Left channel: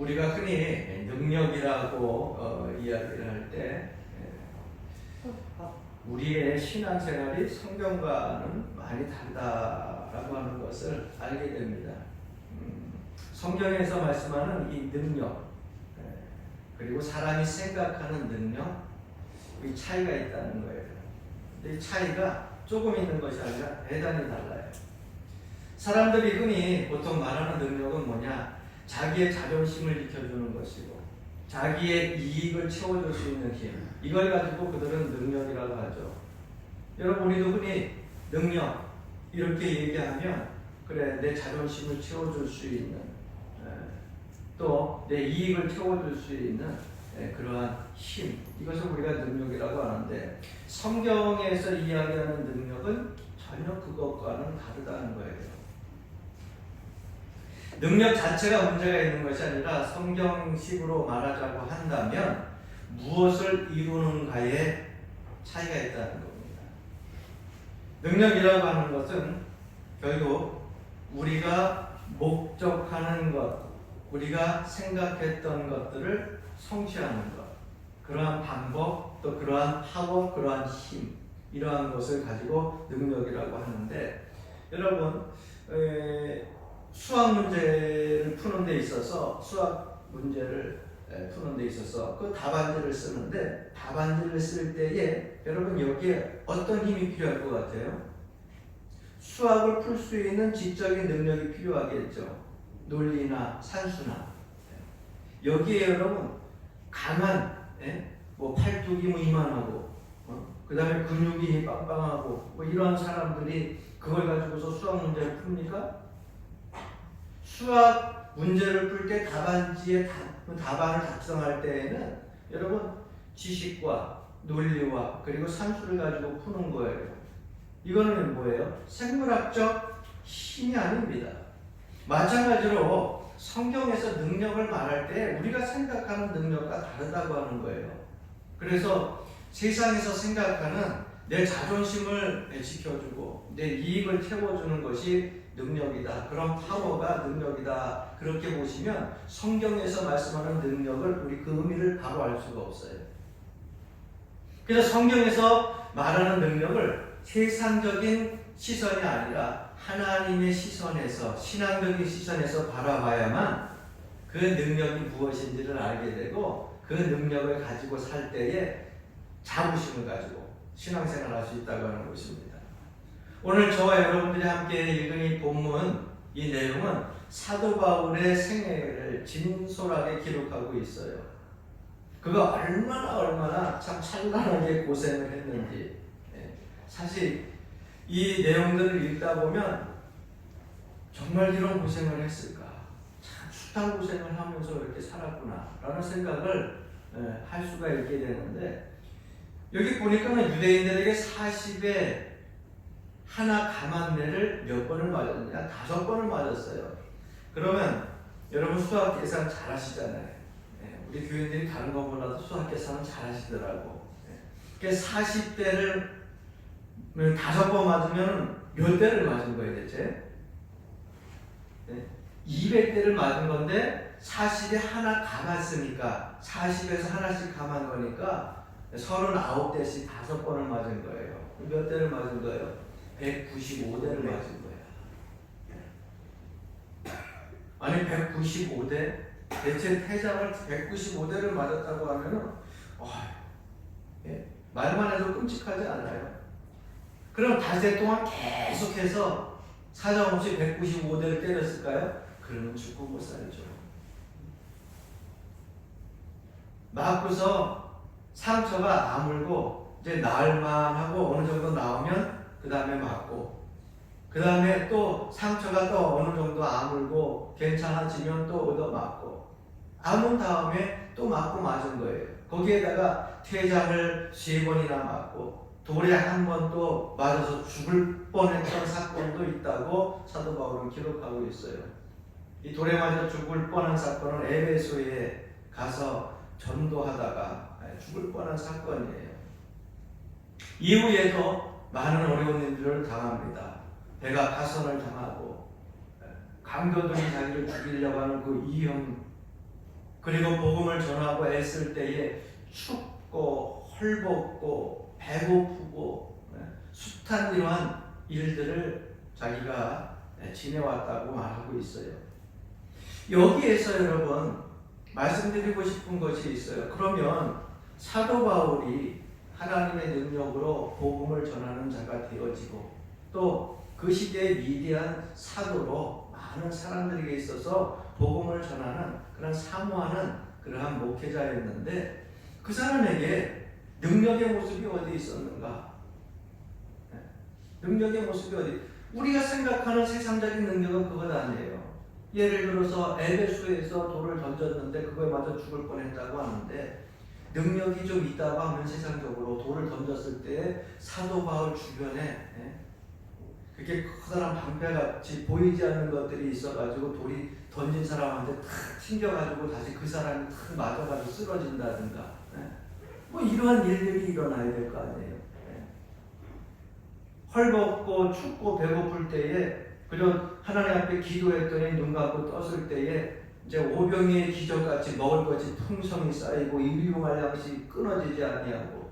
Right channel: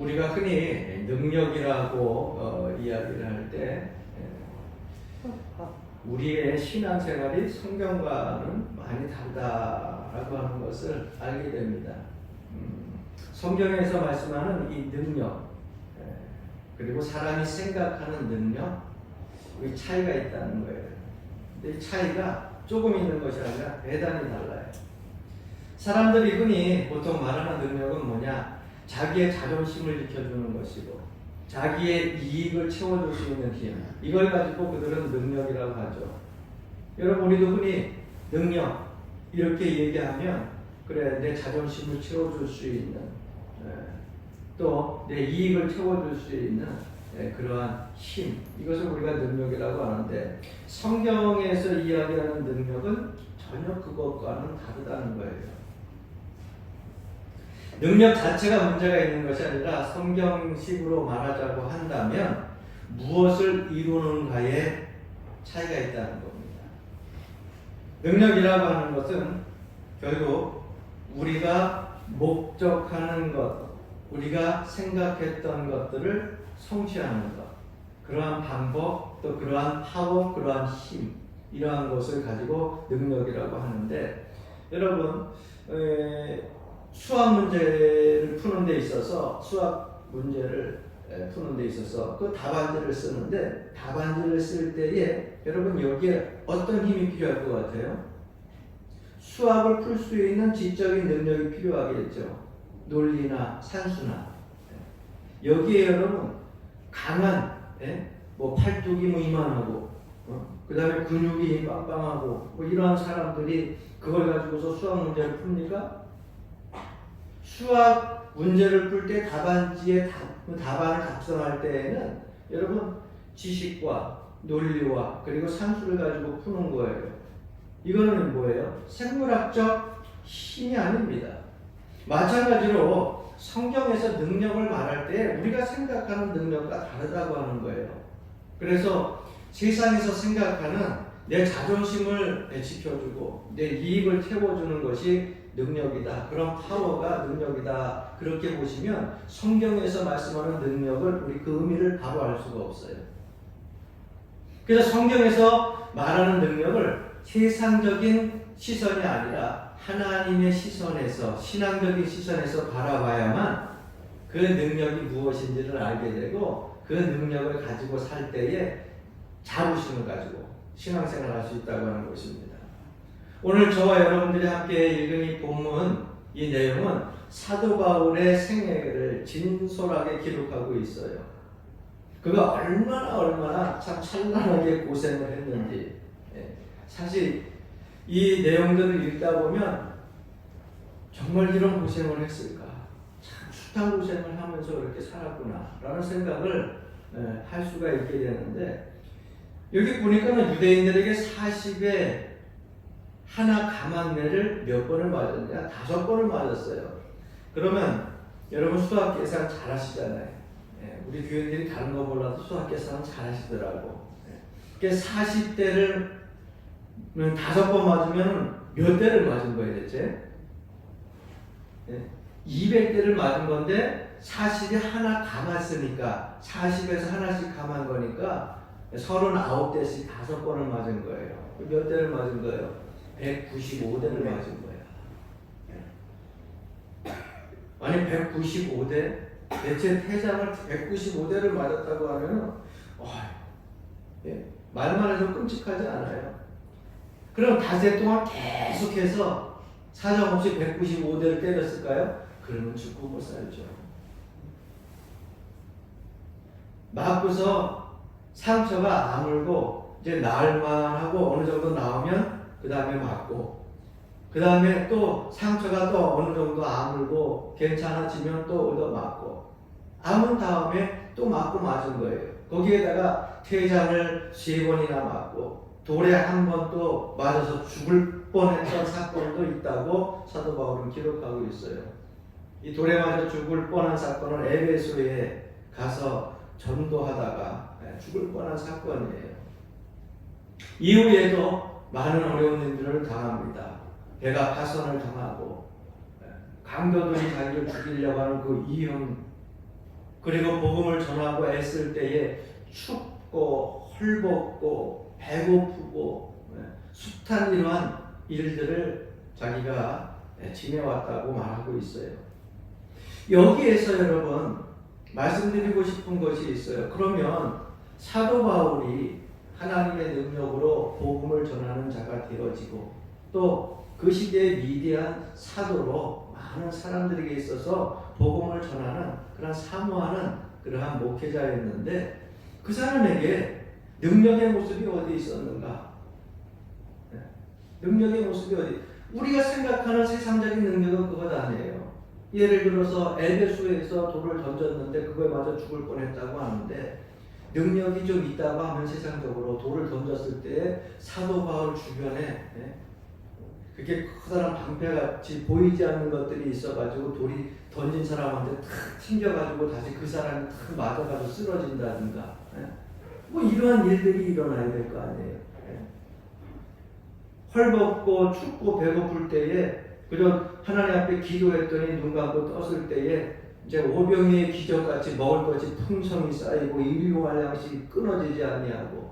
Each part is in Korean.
우리가 흔히 능력이라고 이야기를 할 때 우리의 신앙생활이 성경과는 많이 다르다라고 하는 것을 알게 됩니다. 성경에서 말씀하는 이 능력, 그리고 사람이 생각하는 능력, 이 차이가 있다는 거예요. 이 차이가 조금 있는 것이 아니라 대단히 달라요. 사람들이 흔히 보통 말하는 능력은 뭐냐? 자기의 자존심을 지켜주는 것이고 자기의 이익을 채워줄 수 있는 힘, 이걸 가지고 그들은 능력이라고 하죠. 여러분, 우리도 흔히 능력 이렇게 얘기하면 그래, 내 자존심을 채워줄 수 있는, 또 내 이익을 채워줄 수 있는 그러한 힘, 이것을 우리가 능력이라고 하는데, 성경에서 이야기하는 능력은 전혀 그것과는 다르다는 거예요. 능력 자체가 문제가 있는 것이 아니라 성경식으로 말하자고 한다면 무엇을 이루는가에 차이가 있다는 겁니다. 능력이라고 하는 것은 결국 우리가 목적하는 것, 우리가 생각했던 것들을 성취하는 것, 그러한 방법, 또 그러한 파워, 그러한 힘, 이러한 것을 가지고 능력이라고 하는데, 여러분, 수학 문제를 푸는 데 있어서 그 답안지를 쓰는데, 답안지를 쓸 때에 여러분 여기에 어떤 힘이 필요할 것 같아요? 수학을 풀 수 있는 지적인 능력이 필요하겠죠. 논리나 산수나. 여기에 여러분 강한, 뭐 팔뚝이 뭐 이만하고, 그 다음에 근육이 빵빵하고, 뭐 이러한 사람들이 그걸 가지고서 수학 문제를 풉니까? 수학 문제를 풀 때 답안지에 답안을 작성할 때에는 여러분 지식과 논리와 그리고 산수를 가지고 푸는 거예요. 이거는 뭐예요? 생물학적 힘이 아닙니다. 마찬가지로 성경에서 능력을 말할 때 우리가 생각하는 능력과 다르다고 하는 거예요. 그래서 세상에서 생각하는 내 자존심을 지켜주고 내 이익을 채워주는 것이 능력이다. 그런 파워가 능력이다. 그렇게 보시면 성경에서 말씀하는 능력을 우리 그 의미를 바로 알 수가 없어요. 그래서 성경에서 말하는 능력을 세상적인 시선이 아니라 하나님의 시선에서, 신앙적인 시선에서 바라봐야만 그 능력이 무엇인지를 알게 되고, 그 능력을 가지고 살 때에 자부심을 가지고 신앙생활을 할 수 있다고 하는 것입니다. 오늘 저와 여러분들이 함께 읽은 이 본문, 이 내용은 사도 바울의 생애를 진솔하게 기록하고 있어요. 그가 얼마나 참 찬란하게 고생을 했는지. 사실 이 내용들을 읽다 보면 정말 이런 고생을 했을까? 참 숱한 고생을 하면서 이렇게 살았구나 라는 생각을 할 수가 있게 되는데, 여기 보니까는 유대인들에게 40에 하나 가만매를 몇 번을 맞았냐? 5번을 맞았어요. 그러면 여러분 수학 계산 잘 하시잖아요. 우리 교인들이 다른 거 몰라도 수학 계산은 잘 하시더라고. 그러니까 40대를 5번 맞으면 몇 대를 맞은 거예요, 대체? 200대를 맞은 건데 40에 하나 감았으니까 40에서 하나씩 감은 거니까 39대씩 5번을 맞은 거예요. 몇 대를 맞은 거예요? 195대를 맞은 거예요. 아니 195대? 대체 태장을 195대를 맞았다고 하면은 말만 해도 끔찍하지 않아요? 그럼 닷새 동안 계속해서 사정없이 195대를 때렸을까요? 그러면 죽고 못 살죠. 맞고서 상처가 아물고 이제 나을만 하고 어느 정도 나오면 그 다음에 맞고, 그 다음에 또 상처가 또 어느 정도 아물고 괜찮아지면 또 얻어 맞고, 아문 다음에 또 맞고 맞은 거예요. 거기에다가 퇴장을 3번이나 맞고 돌에 한 번 또 맞아서 죽을 뻔했던 사건도 있다고 사도 바울은 기록하고 있어요. 이 돌에 맞아 죽을 뻔한 사건은 에베소에 가서 전도하다가 죽을 뻔한 사건이에요. 이후에도 많은 어려운 일들을 당합니다. 배가 파선을 당하고 강도들이 자기를 죽이려고 하는 그 이형 그리고 복음을 전하고 애쓸 때에 춥고 헐벗고 배고프고 숱한 이러한 일들을 자기가 지내왔다고 말하고 있어요. 여기에서 여러분 말씀드리고 싶은 것이 있어요. 그러면 사도 바울이 하나님의 능력으로 복음을 전하는 자가 되어지고 또 그 시대의 위대한 사도로 많은 사람들에게 있어서 복음을 전하는 그런 사모하는 그러한 목회자였는데 그 사람에게 능력의 모습이 어디 있었는가? 능력의 모습이 어디? 우리가 생각하는 세상적인 능력은 그것 아니에요. 예를 들어서 에베소에서 돌을 던졌는데 그거에 맞아 죽을 뻔했다고 하는데 능력이 좀 있다고 하면 세상적으로 돌을 던졌을 때 사도 바울 주변에 그게 커다란 방패같이 보이지 않는 것들이 있어가지고 돌이 던진 사람한테 탁 튕겨가지고 다시 그 사람이 탁 맞아가지고 쓰러진다든가 뭐 이러한 일들이 일어나야 될 거 아니에요. 헐벗고 춥고 배고플 때에 그저 하나님 앞에 기도했더니 눈 감고 떴을 때에 이제 오병이의 기적같이 먹을 것이 풍성이 쌓이고 일용할 양식이 끊어지지 아니하고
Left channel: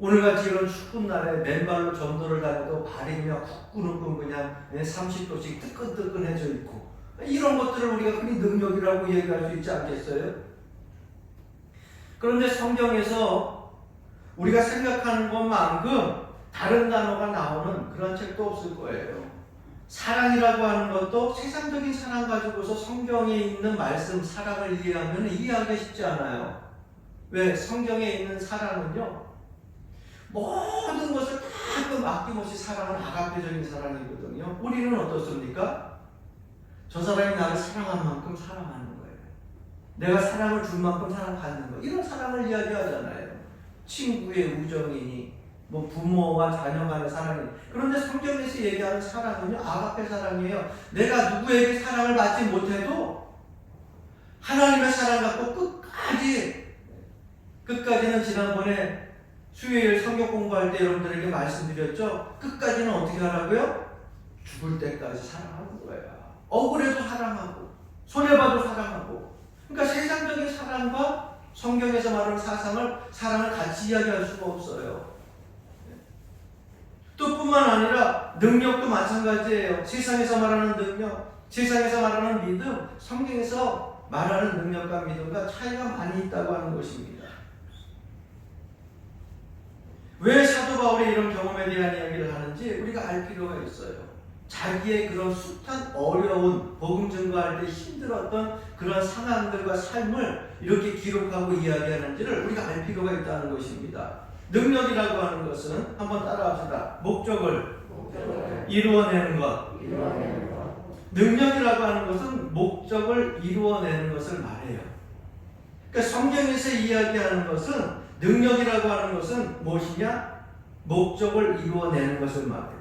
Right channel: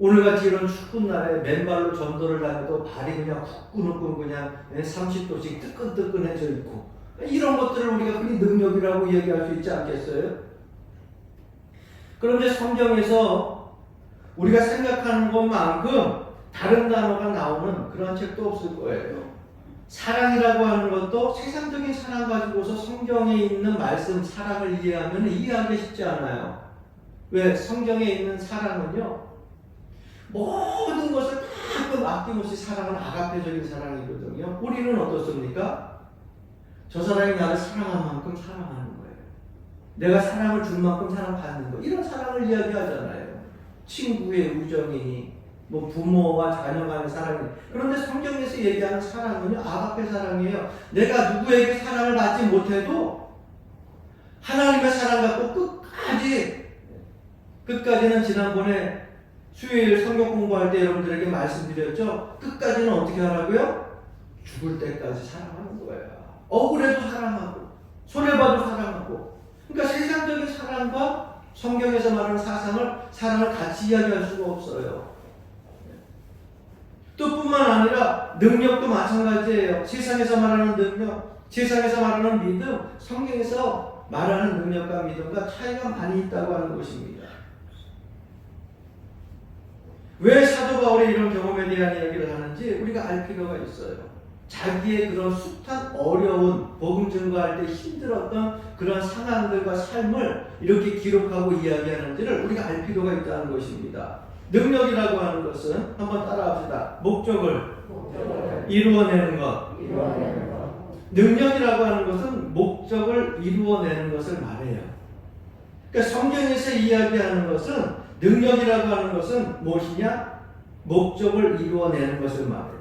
오늘같이 이런 추운 날에 맨발로 전도를 다녀도 발이 그냥 후끈후끈 그냥 30도씩 뜨끈뜨끈해져 있고 이런 것들을 우리가 흔히 능력이라고 얘기할 수 있지 않겠어요? 그런데 성경에서 우리가 생각하는 것만큼 다른 단어가 나오는 그런 책도 없을 거예요. 사랑이라고 하는 것도 세상적인 사랑 가지고서 성경에 있는 말씀 사랑을 이해하면 이해하기 쉽지 않아요. 왜? 성경에 있는 사랑은요 모든 것을 다 아낌없이 사랑하는 아가페적인 사랑이거든요. 우리는 어떻습니까? 저 사람이 나를 사랑한 만큼 사랑하는 거예요. 내가 사랑을 줄 만큼 사랑받는 거. 이런 사랑을 이야기하잖아요. 친구의 우정이니 뭐 부모와 자녀 간의 사랑이. 그런데 성경에서 얘기하는 사랑은요 아가페 사랑이에요. 내가 누구에게 사랑을 받지 못해도 하나님의 사랑 갖고 끝까지는 지난번에 수요일 성경 공부할 때 여러분들에게 말씀드렸죠. 끝까지는 어떻게 하라고요? 죽을 때까지 사랑하는 거예요. 억울해도 사랑하고 손해봐도 사랑하고. 그러니까 세상적인 사랑과 성경에서 말하는 사랑을 같이 이야기할 수가 없어요. 또 뿐만 아니라 능력도 마찬가지예요. 세상에서 말하는 능력, 세상에서 말하는 믿음, 성경에서 말하는 능력과 믿음과 차이가 많이 있다고 하는 것입니다. 왜 사도 바울이 이런 경험에 대한 이야기를 하는지 우리가 알 필요가 있어요. 자기의 그런 숱한 어려운 복음 증거할 때 힘들었던 그런 상황들과 삶을 이렇게 기록하고 이야기하는지를 우리가 알 필요가 있다는 것입니다. 능력이라고 하는 것은 한번 따라합시다. 목적을 이루어내는 것. 능력이라고 하는 것은 목적을 이루어내는 것을 말해요. 그러니까 성경에서 이야기하는 것은 능력이라고 하는 것은 무엇이냐? 목적을 이루어내는 것을 말해요.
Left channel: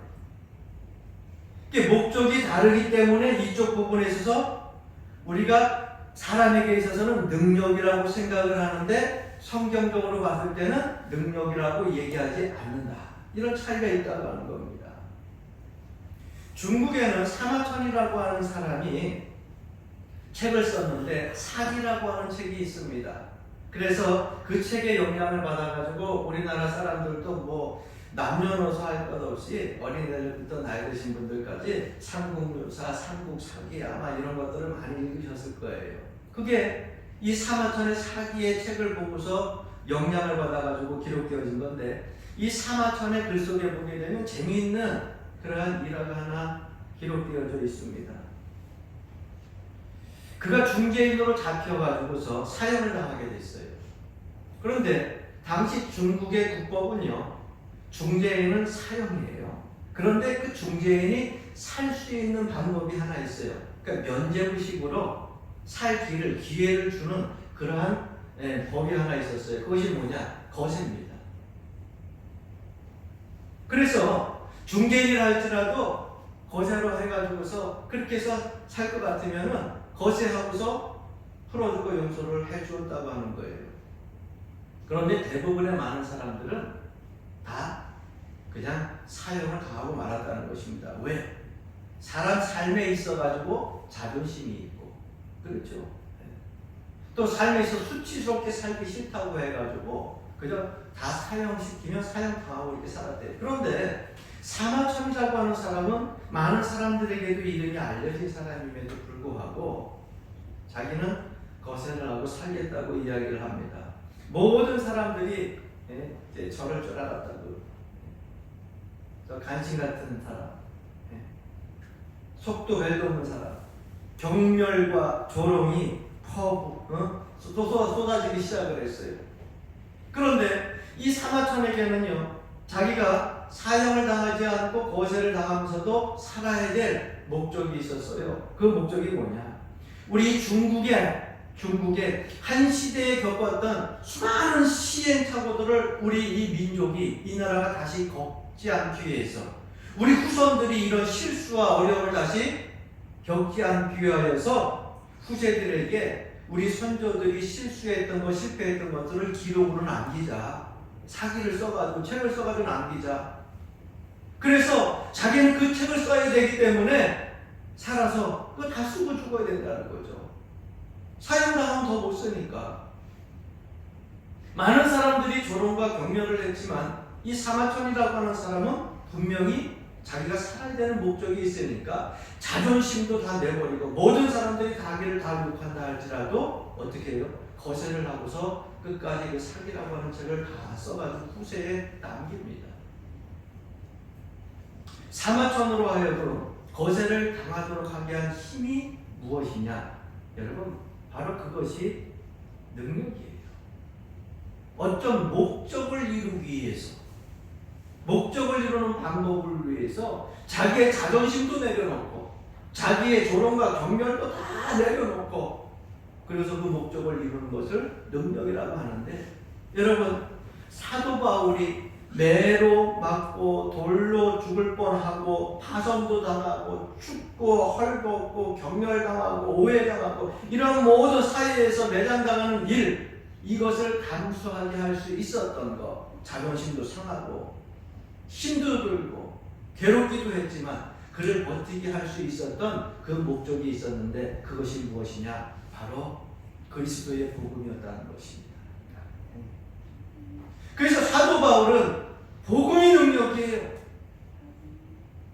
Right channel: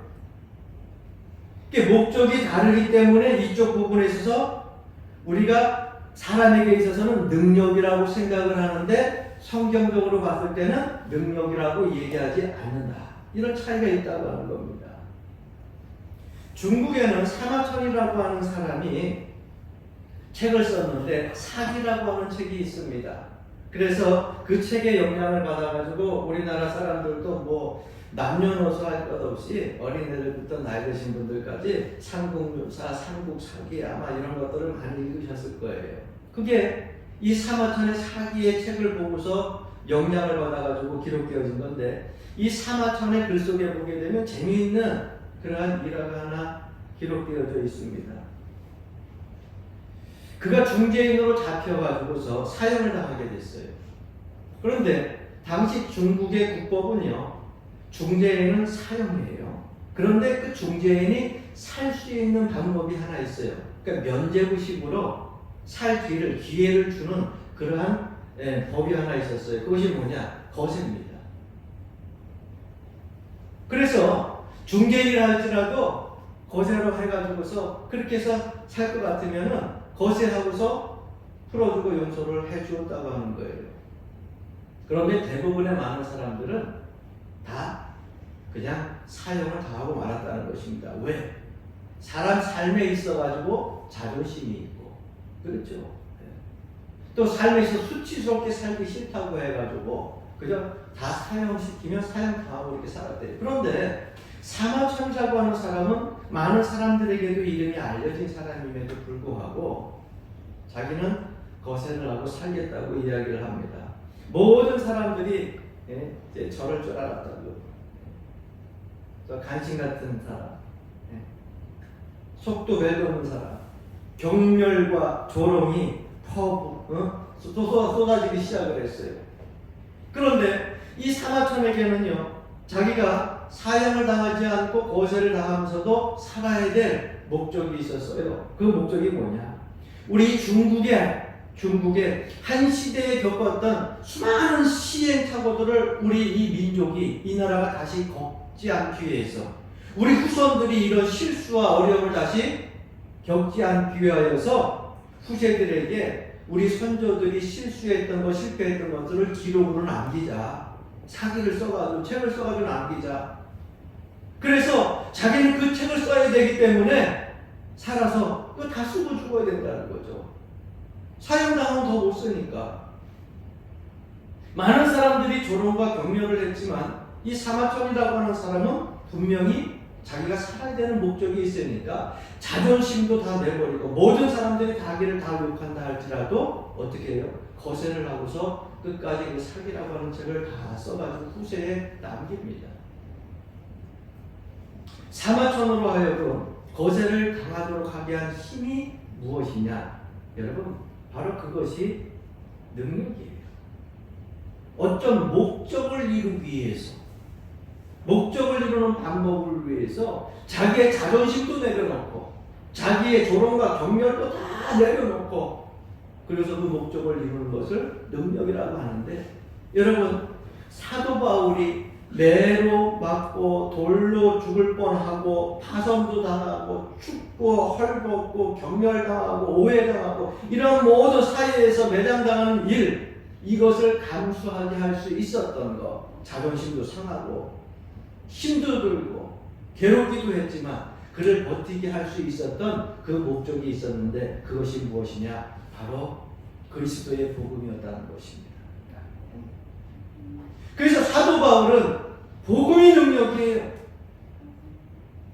목적이 다르기 때문에 이쪽 부분에 있어서 우리가 사람에게 있어서는 능력이라고 생각을 하는데 성경적으로 봤을 때는 능력이라고 얘기하지 않는다. 이런 차이가 있다고 하는 겁니다. 중국에는 사마천이라고 하는 사람이 책을 썼는데 사기라고 하는 책이 있습니다. 그래서 그 책의 영향을 받아가지고 우리나라 사람들도 뭐 남녀노소 할 것 없이 어린애들부터 나이 드신 분들까지 삼국유사, 삼국사기 아마 이런 것들을 많이 읽으셨을 거예요. 그게 이 사마천의 사기의 책을 보고서 영향을 받아가지고 기록되어진 건데 이 사마천의 글 속에 보게 되면 재미있는 그러한 일화가 하나 기록되어져 있습니다. 그가 중재인으로 잡혀가지고서 사형을 당하게 됐어요. 그런데 당시 중국의 국법은요, 중재인은 사형이에요. 그런데 그 중재인이 살 수 있는 방법이 하나 있어요. 그러니까 면죄부식으로 살 기회를 주는 그러한 법이 하나 있었어요. 그것이 뭐냐? 거세입니다. 그래서 중재인이라 할지라도 거세로 해가지고서 그렇게 해서 살 것 같으면은 거세하고서 풀어주고 용서를 해주었다고 하는 거예요. 그런데 대부분의 많은 사람들은 다 그냥 사형을 당하고 말았다는 것입니다. 왜? 사람 삶에 있어가지고 자존심이 있고, 그렇죠? 또 삶에서 수치스럽게 살기 싫다고 해가지고 그저 다 사형시키면 사형당하고 이렇게 살았대요. 그런데 사마천이라고 하는 사람은 많은 사람들에게도 이름이 알려진 사람임에도 불구하고 자기는 거세를 하고 살겠다고 이야기를 합니다. 모든 사람들이 이제 저럴 줄 알았다고. 저 간신 같은 사람, 속도 벨도 없는 사람, 경멸과 조롱이 쏟아지기 시작을 했어요. 그런데 이 사마천에게는요, 자기가 사형을 당하지 않고 거세를 당하면서도 살아야 될 목적이 있었어요. 그 목적이 뭐냐? 우리 중국의 한 시대에 겪었던 수많은 시행착오들을 우리 이 민족이, 이 나라가 다시 겪지 않기 위해서, 우리 후손들이 이런 실수와 어려움을 다시 겪지 않기 위하여서 후세들에게 우리 선조들이 실수했던 것, 실패했던 것들을 기록으로 남기자. 사기를 써가지고, 책을 써가지고 남기자. 그래서 자기는 그 책을 써야 되기 때문에 살아서 그거 다 쓰고 죽어야 된다는 거죠. 사형당하면 더 못 쓰니까. 많은 사람들이 조롱과 격려를 했지만 이 사마천이라고 하는 사람은 분명히 자기가 살아야 되는 목적이 있으니까 자존심도 다 내버리고 모든 사람들이 자기를 다 욕한다 할지라도 어떻게 해요? 거세를 하고서 끝까지 그 사기라고 하는 책을 다 써가지고 후세에 남깁니다. 사마천으로 하여금 거세를 당하도록 하게 한 힘이 무엇이냐? 여러분, 바로 그것이 능력이에요. 어떤 목적을 이루기 위해서, 목적을 이루는 방법을 위해서 자기의 자존심도 내려놓고 자기의 조롱과 경멸도 다 내려놓고 그래서 그 목적을 이루는 것을 능력이라고 하는데, 여러분, 사도 바울이 매로 맞고 돌로 죽을 뻔하고 파선도 당하고 춥고 헐벗고 경멸당하고 오해당하고 이런 모든 사이에서 매장당하는 일, 이것을 감수하게 할 수 있었던 것, 자존심도 상하고 힘도 들고 괴롭기도 했지만 그를 버티게 할 수 있었던 그 목적이 있었는데, 그것이 무엇이냐? 바로 그리스도의 복음이었다는 것입니다. 그래서 사도 바울은 복음의 능력이에요.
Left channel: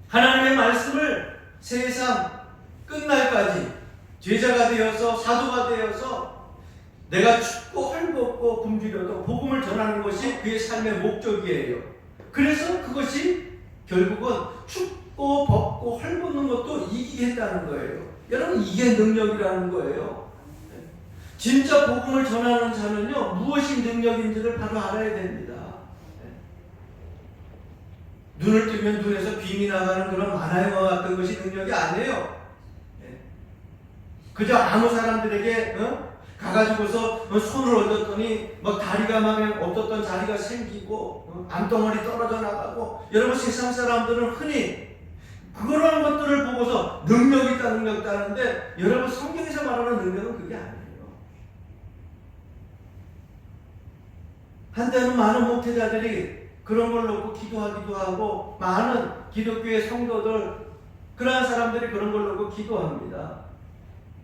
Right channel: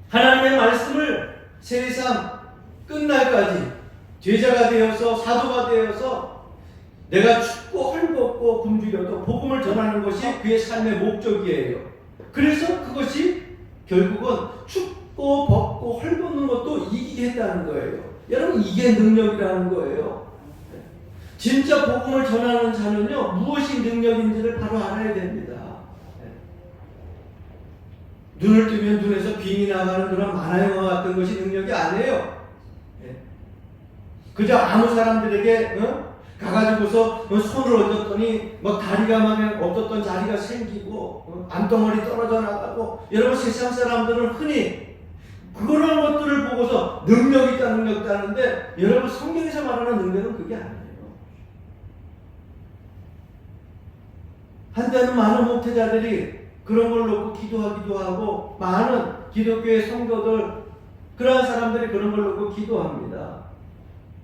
하나님의 말씀을 세상 끝날까지 제자가 되어서 사도가 되어서 내가 춥고 헐벗고 굶주려도 복음을 전하는 것이 그의 삶의 목적이에요. 그래서 그것이 결국은 춥고 벗고 헐벗는 것도 이기게 했다는 거예요. 여러분, 이게 능력이라는 거예요. 진짜 복음을 전하는 자는요, 무엇이 능력인지를 바로 알아야 됩니다. 눈을 뜨면 눈에서 빙이 나가는 그런 만화 영화 같은 것이 능력이 아니에요. 그저 아무 사람들에게 가가지고서 손을 얹었더니 막 다리가 막 없었던 자리가 생기고 암덩어리 떨어져 나가고, 여러분, 세상 사람들은 흔히 그런 것들을 보고서 능력 있다 능력 있다 하는데, 여러분, 성경에서 말하는 능력은 그게 아니에요. 한때는 많은 목회자들이 그런 걸 놓고 기도하기도 하고, 많은 기독교의 성도들, 그러한 사람들이 그런 걸 놓고 기도합니다.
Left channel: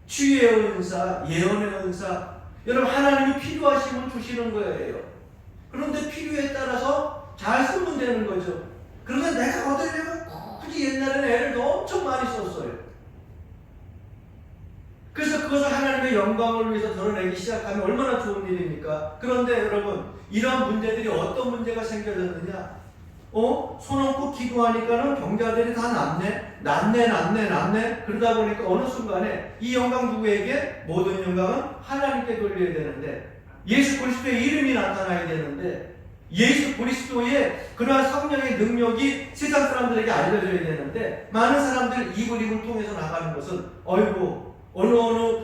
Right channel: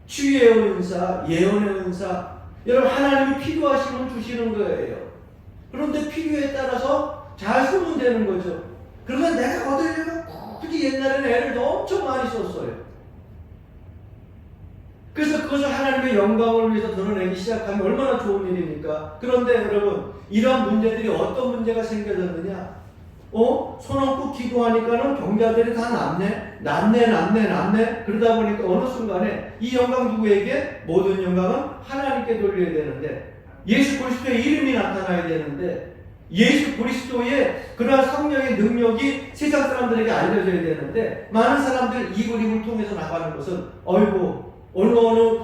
치유의 은사, 예언의 은사, 여러분, 하나님이 필요하시면 주시는 거예요. 그런데 필요에 따라서 잘 쓰면 되는 거죠. 그런데 내가 얻으려면 굳이 옛날에는 애를 엄청 많이 썼어요. 그래서 그것을 하나님의 영광을 위해서 드러내기 시작하면 얼마나 좋은 일입니까? 그런데 여러분, 이러한 문제들이 어떤 문제가 생겨졌느냐? 손 얹고 기도하니까는 병자들이 다 낫네. 그러다 보니까 어느 순간에 이 영광 누구에게? 모든 영광은 하나님께 돌려야 되는데, 예수 그리스도의 이름이 나타나야 되는데, 예수 그리스도의 그러한 성령의 능력이 세상 사람들에게 알려져야 되는데, 많은 사람들 이 그림을 통해서 나가는 것은, 어느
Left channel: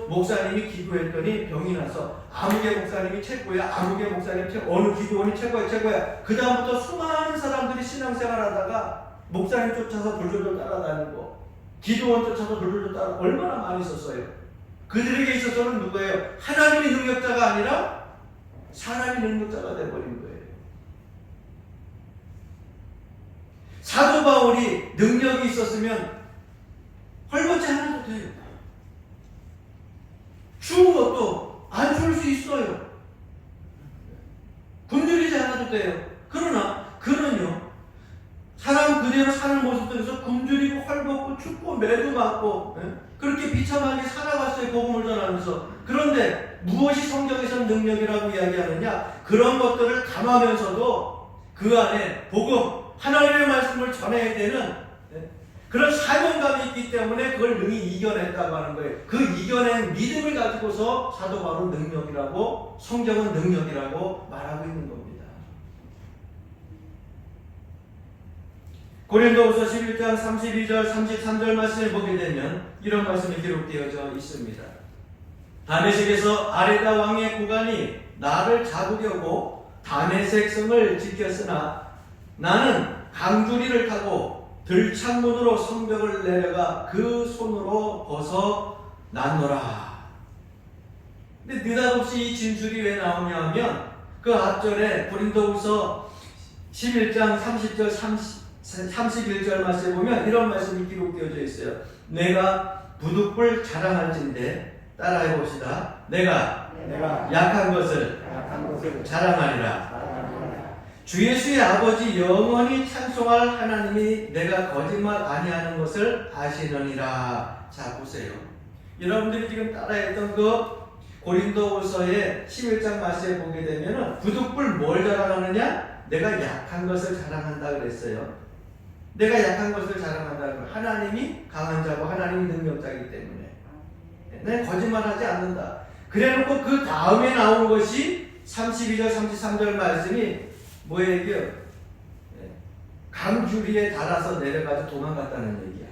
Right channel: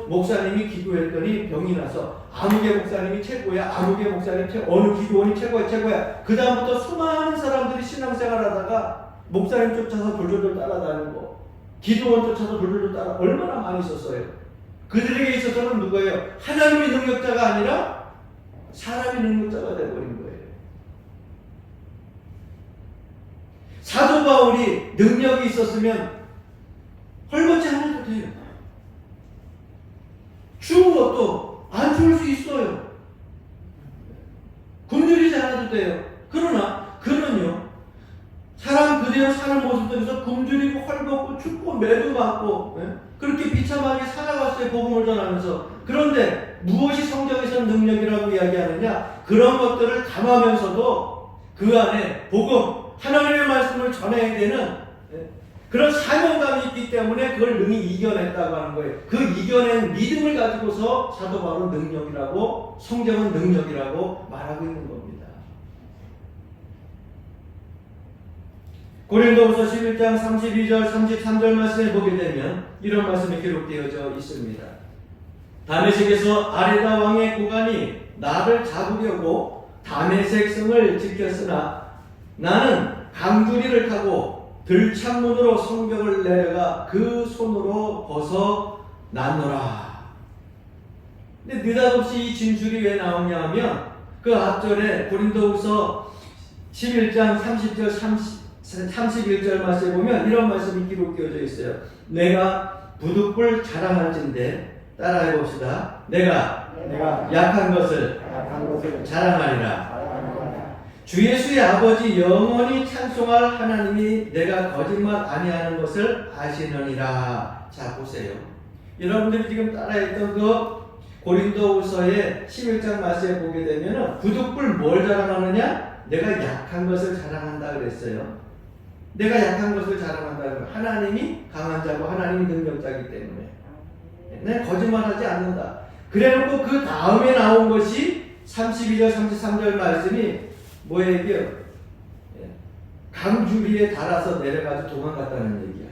목사님이 기도했더니 병이 나서 아무개 목사님이 최고야, 아무개 목사님 어느 기도원이 최고야. 그 다음부터 수많은 사람들이 신앙생활 하다가 목사님 쫓아서 돌돌돌 따라다니고 기도원 쫓아서 돌돌돌 따라, 얼마나 많이 있었어요. 그들에게 있어서는 누구예요? 하나님이 능력자가 아니라 사람이 능력자가 되어버린 거예요. 사도 바울이 능력이 있었으면 헐벗지 않아도 돼요. 추운 것도 안 좋을 수 있어요. 굶주리지 않아도 돼요. 그러나 그는요, 사람 그대로 사는 모습 속에서 굶주리고 헐벗고 춥고 매도 맞고 그렇게 비참하게 살아갔어요. 복음을 전하면서. 그런데 무엇이 성경에서 능력이라고 이야기하느냐? 그런 것들을 담으면서도 그 안에 복음, 하나님의 말씀을 전해야 되는 그런 사명감이 있기 때문에 그걸 능히 이겨냈다고 하는 거예요. 그 이겨낸 믿음을 가지고서 사도 바울은 능력이라고, 성경은 능력이라고 말하고 있는 겁니다. 고린도후서 11장 32절 33절 말씀을 보게 되면 이런 말씀이 기록되어져 있습니다. 다메섹에서 아레다 왕의 고관이 나를 잡으려고 다메섹 성을 지켰으나 나는 강두리를 타고 들창문으로 성벽을 내려가 그 손으로 벗어났노라. 근데 느닷없이 이 진술이 왜 나오냐 하면 그 앞절에 고린도후서 11장 30절 31절 말씀에 보면 이런 말씀이 기록되어져 있어요. 내가 부득불 자랑할진대, 따라해 봅시다. 내가 약한 것을 자랑하리라. 주 예수의 아버지 영원히 찬송할 하나님이 내가 거짓말 아니하는 것을 아시느니라. 자, 보세요. 여러분들이 지금 따라했던 그 고린도후서의 11장 말씀에 보게 되면은 부득불 뭘 자랑하느냐? 내가 약한 것을 자랑한다 그랬어요. 내가 약한 것을 자랑한다 그러면 하나님이 강한 자고 하나님이 능력자이기 때문에 내가 거짓말하지 않는다. 그래놓고 그 다음에 나온 것이 32절 33절 말씀이 뭐예요? 강주리에 달아서 내려가서 도망갔다는 얘기야.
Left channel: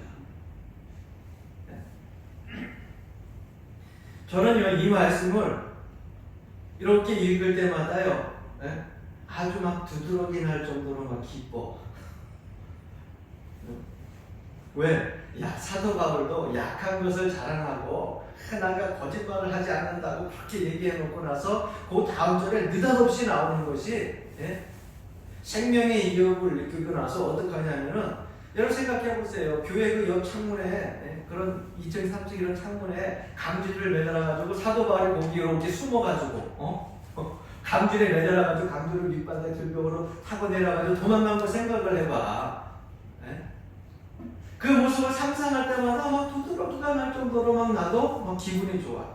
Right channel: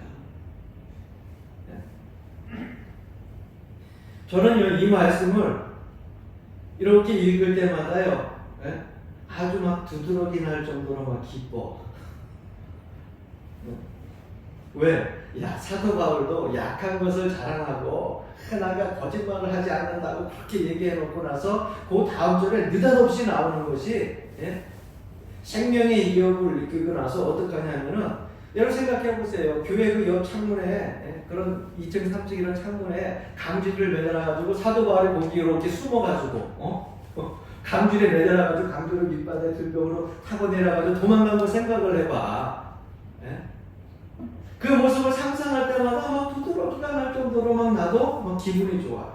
저는요, 이 말씀을 이렇게 읽을 때마다요, 아주 막 두드러기 날 정도로 막 기뻐. 왜? 야, 사도 바울도 약한 것을 자랑하고 나가 거짓말을 하지 않는다고 그렇게 얘기해 놓고 나서 그 다음 절에 느닷없이 나오는 것이 생명의 위협을 느끼고 나서 어떡하냐면은 여러분 생각해 보세요. 교회 그 옆 창문에 그런 2층 3층 이런 창문에 강쥐를 매달아가지고 사도 바울이 거기로 이렇게 숨어가지고 강쥐를 매달아가지고 강쥐를 밑바닥에 들벽으로 타고 내려가지고 도망간 거 생각을 해봐. 그 모습을 상상할 때마다 막 두드러기가 날 정도로 막 나도 막 기분이 좋아.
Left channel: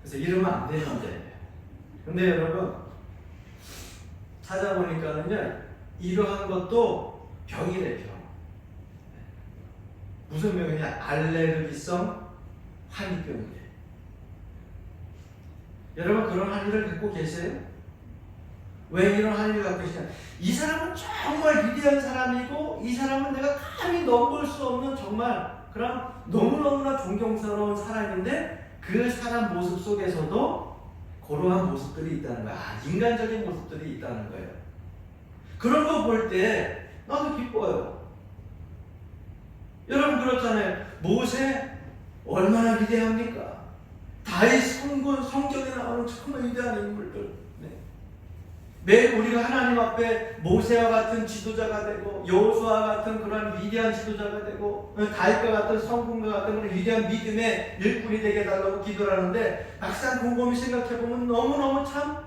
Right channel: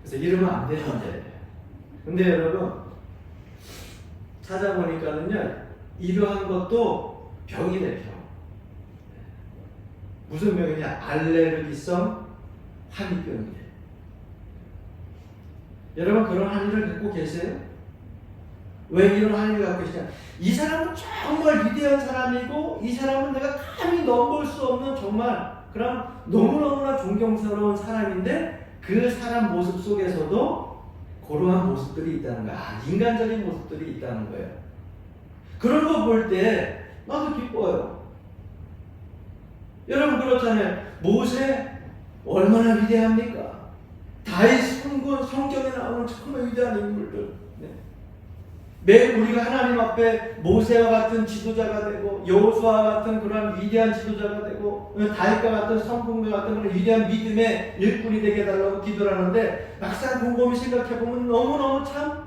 그래서 이러면 안 되는데. 근데 여러분 찾아보니까는요, 이러한 것도 병이래, 병. 무슨 병이냐? 알레르기성 환희병이래. 여러분 그런 환희를 갖고 계세요? 왜 이런 환희를 갖고 계시냐? 이 사람은 정말 위대한 사람이고 이 사람은 내가 감히 넘볼 수 없는 정말 그런 너무너무나 존경스러운 사람인데 그 사람 모습 속에서도 그러한 모습들이 있다는 거야. 인간적인 모습들이 있다는 거예요. 그런 거 볼 때 나도 기뻐요. 여러분 그렇잖아요. 모세 얼마나 위대합니까? 다윗 성군 성경에 나오는 정말 위대한 인물들. 매일 우리가 하나님 앞에 모세와 같은 지도자가 되고 여호수아와 같은 그런 위대한 지도자가 되고 다윗과 같은 성군과 같은 그런 위대한 믿음의 일꾼이 되게 해달라고 기도를 하는데 막상 곰곰이 생각해보면 너무너무 참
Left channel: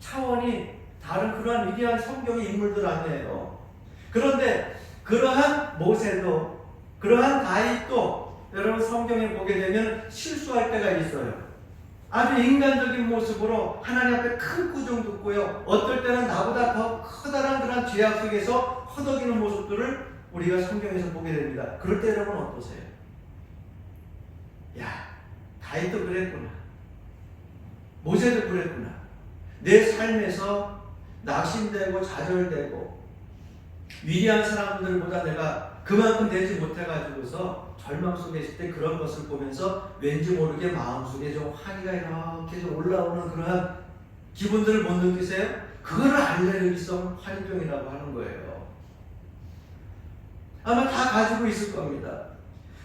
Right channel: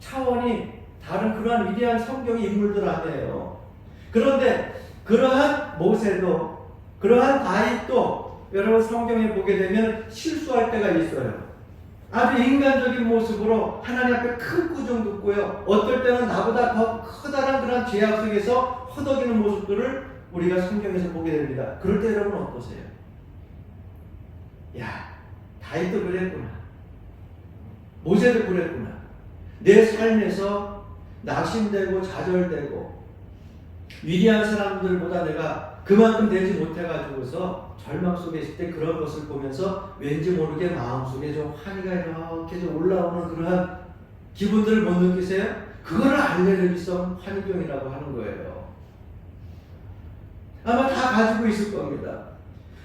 차원이 다른 그러한 위대한 성경의 인물들 아니에요. 그런데 그러한 모세도 그러한 다윗도 여러분 성경에 보게 되면 실수할 때가 있어요. 아주 인간적인 모습으로 하나님 앞에 큰 꾸중 듣고요. 어떨 때는 나보다 더 커다란 그런 죄악 속에서 허덕이는 모습들을 우리가 성경에서 보게 됩니다. 그럴 때 여러분 어떠세요? 야, 다윗도 그랬구나. 모세도 그랬구나. 내 삶에서 낙심되고 좌절되고 위대한 사람들보다 내가 그만큼 되지 못해가지고서 절망 속에 있을 때 그런 것을 보면서 왠지 모르게 마음속에 좀 환희가 이렇게 좀 올라오는 그러한 기분들을 못 느끼세요? 그거를 알레르기성 환희병이라고 하는 거예요. 아마 다 가지고 있을 겁니다.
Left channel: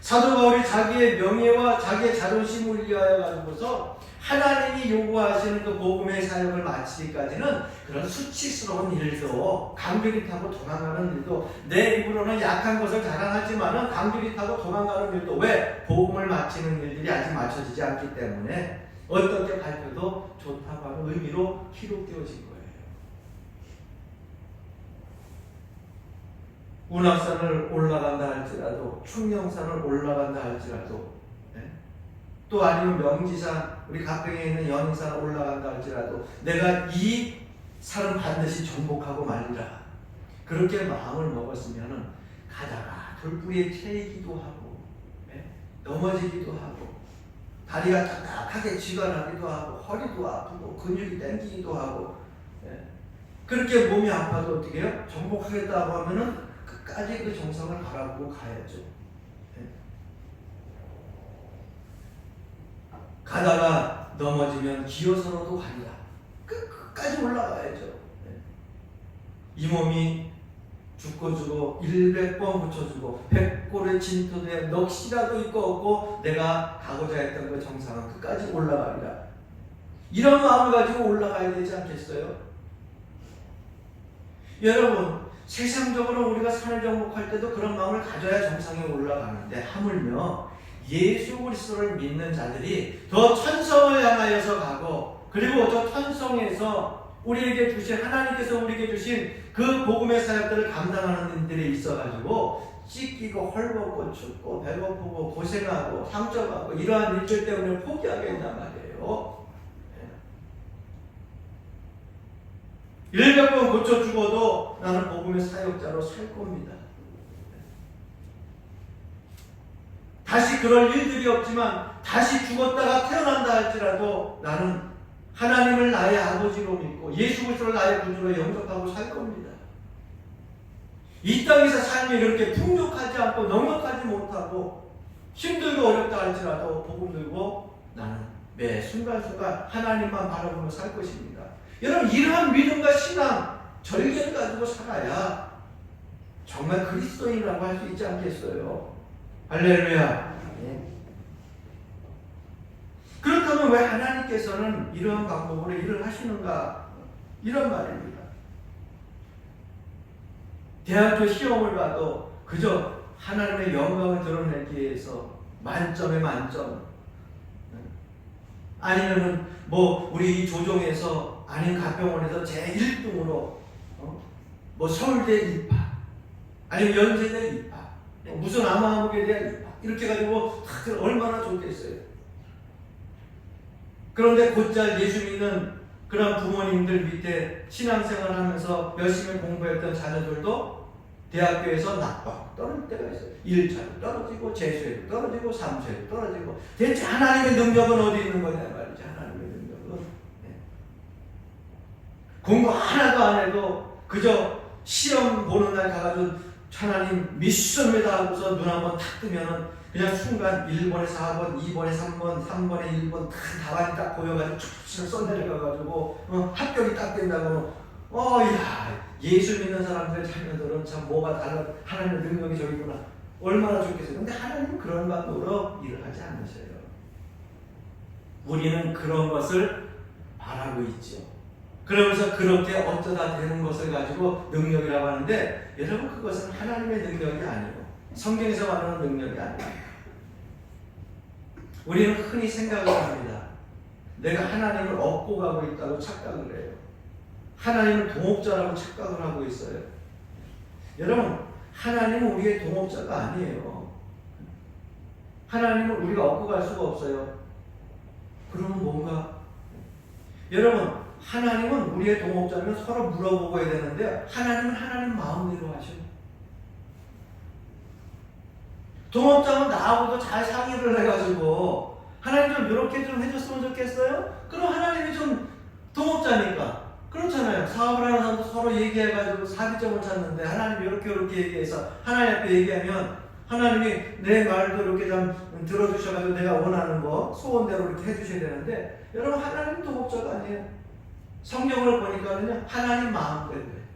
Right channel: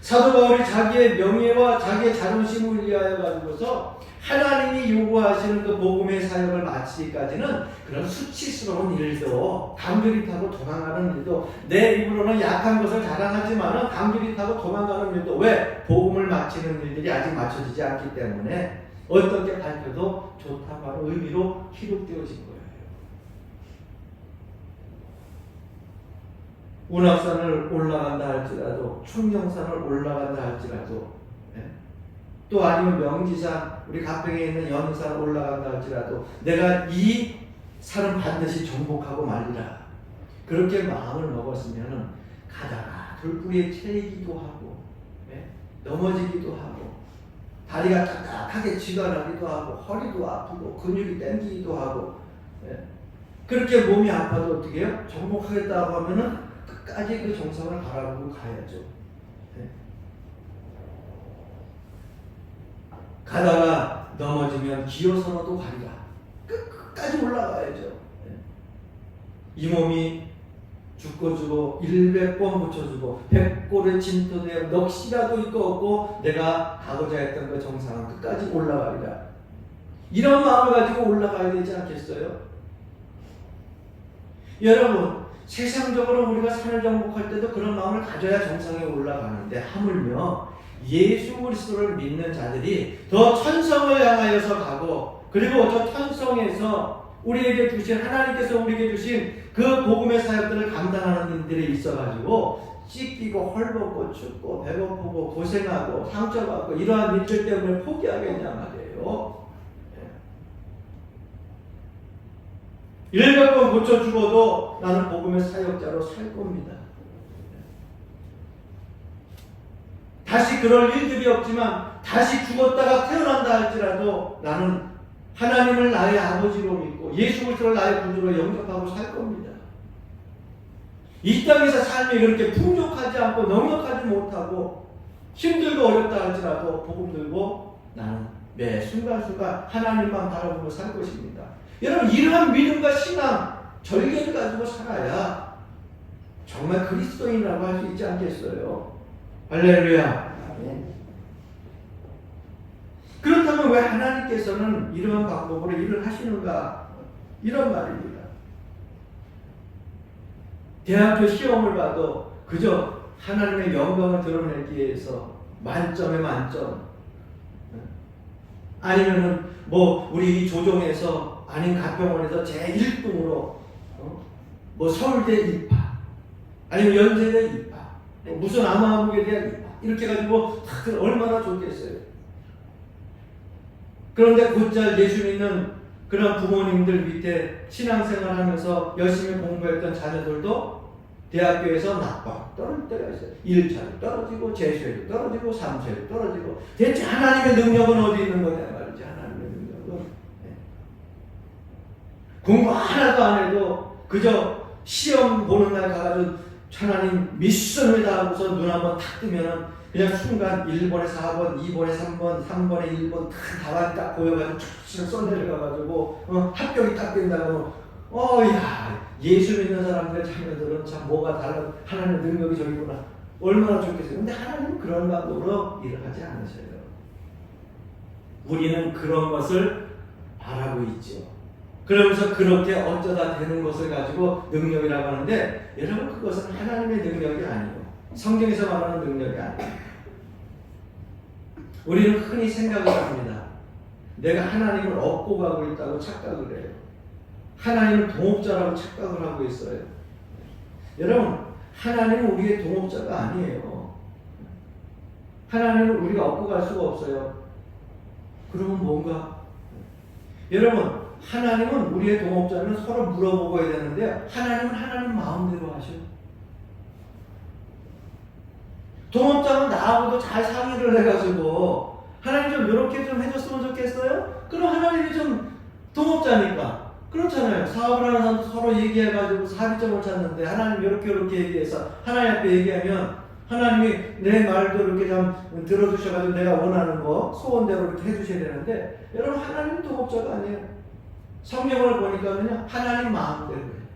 사도 바울이 자기의 명예와 자기의 자존심을 위하여 가지고서 하나님이 요구하시는 그 복음의 사역을 마치기까지는 그런 수치스러운 일도 강주리 타고 도망가는 일도 내 입으로는 약한 것을 자랑하지만은 강주리 타고 도망가는 일도 왜? 복음을 마치는 일들이 아직 맞춰지지 않기 때문에 어떻게 밝혀도 좋다고 하는 의미로 기록되어진 거예요. 운악산을 올라간다 할지라도, 충령산을 올라간다 할지라도, 또 아니면 명지산, 우리 가평에 있는 연산을 올라간다 할지라도 내가 이 산은 반드시 정복하고 말리라. 그렇게 마음을 먹었으면 가다가 돌뿌리에 채이기도 하고, 넘어지기도 하고, 다리가 딱딱하게 쥐가 나기도 하고, 허리도 아프고, 근육이 땡기기도 하고, 그렇게 몸이 아파도 어떻게 해요? 정복하겠다고 하면은 끝까지 그 정성을 바라보고 가야죠. 가다가 넘어지면 기어서라도 가리라. 끝까지 올라가야죠. 이 몸이 죽고 100번 붙여주고 100골의 진토되어 넋이라도 있고 없고 내가 가고자 했던 그 정상은 끝까지 올라가리라. 이런 마음을 가지고 올라가야 되지 않겠어요? 여러분, 세상적으로 우리가 산을 정복할 때도 그런 마음을 가져야 정상에 올라가는데 하물며 예수 그리스도를 믿는 자들이 더 천성을 향하여서 가고, 그리고 저 천성에서 우리에게 주신, 하나님께서 우리에게 주신 그 복음의 사역들을 감당하는 분들이 있어가지고 찢기고 헐벗고 춥고 배고프고 고생하고 상처받고 이러한 일들 때문에 포기하겠냐 말이에요. 100번 고쳐 죽어도 나는 복음의 사역자로 살 겁니다. 다시 그럴 일들이 없지만 다시 죽었다가 태어난다 할지라도 나는 하나님을 나의 아버지로 믿고 예수 그리스도를 나의 구주로 영접하고 살 겁니다. 이 땅에서 삶이 그렇게 풍족하지 않고 넉넉하지 못하고 힘들고 어렵다 할지라도 복음 들고 나는 매 순간순간 하나님만 바라보며 살 것입니다. 여러분, 이러한 믿음과 신앙, 절개를 가지고 살아야 정말 그리스도인이라고 할 수 있지 않겠어요? 할렐루야. 그렇다면 왜 하나님께서는 이러한 방법으로 일을 하시는가? 이런 말입니다. 대학교 시험을 봐도 그저 하나님의 영광을 드러내기 위해서 만점에 만점, 아니면은 우리 조정에서 아닌 가평원에서 제1등으로 서울대 입학, 아니면 연세대 입학, 무슨 아마함국에 대한 입학, 이렇게 해가지고 얼마나 좋겠어요. 그런데 곧잘 예수 믿는 그런 부모님들 밑에 신앙생활을 하면서 열심히 공부했던 자녀들도 대학교에서 낙방 떨어질 때가 있어요. 1차도 떨어지고 재수에도 떨어지고 3수에도 떨어지고. 대체 하나님의 능력은 어디 있는 거냐 말이지. 하나님의 능력은 공부 하나도 안 해도 그저 시험 보는 날 가가지고 하나님 믿습니다 하고서 눈 한번 탁 뜨면은 그냥 순간 1번에 4번, 2번에 3번, 3번에 1번 답안이 딱 보여가지고 쭉 쏟아내려가가지고 합격이 딱 된다고. 야, 예수 믿는 사람들의 자녀들은 참 뭐가 달라, 하나님의 능력이 저기구나, 얼마나 좋겠어요. 근데 하나님은 그런 방법으로 일을 하지 않으셔요. 우리는 그런 것을 바라고 있죠. 그러면서 그렇게 어쩌다 되는 것을 가지고 능력이라고 하는데, 여러분, 그것은 하나님의 능력이 아니에요. 성경에서 말하는 능력이 아니에요. 우리는 흔히 생각을 합니다. 내가 하나님을 얻고 가고 있다고 착각을 해요. 하나님은 동업자라고 착각을 하고 있어요. 여러분, 하나님은 우리의 동업자가 아니에요. 하나님을 우리가 얻고 갈 수가 없어요. 그러면 뭔가? 여러분, 하나님은 우리의 동업자면 서로 물어보고 해야 되는데, 하나님은 하나님 마음대로 하셔요. 동업자는 나하고도 잘 상의를 해가지고 하나님 좀 이렇게 좀 해줬으면 좋겠어요? 그럼 하나님이 좀 동업자니까 그렇잖아요. 사업을 하는 사람도 서로 얘기해가지고 합의점을 찾는데, 하나님 이렇게 얘기해서 하나님 앞에 얘기하면 하나님이 내 말도 이렇게 좀 들어주셔가지고 내가 원하는 거 소원대로 이렇게 해주셔야 되는데, 여러분, 하나님은 동업자가 아니에요. 성경을 보니까는요, 하나님 마음대로예요.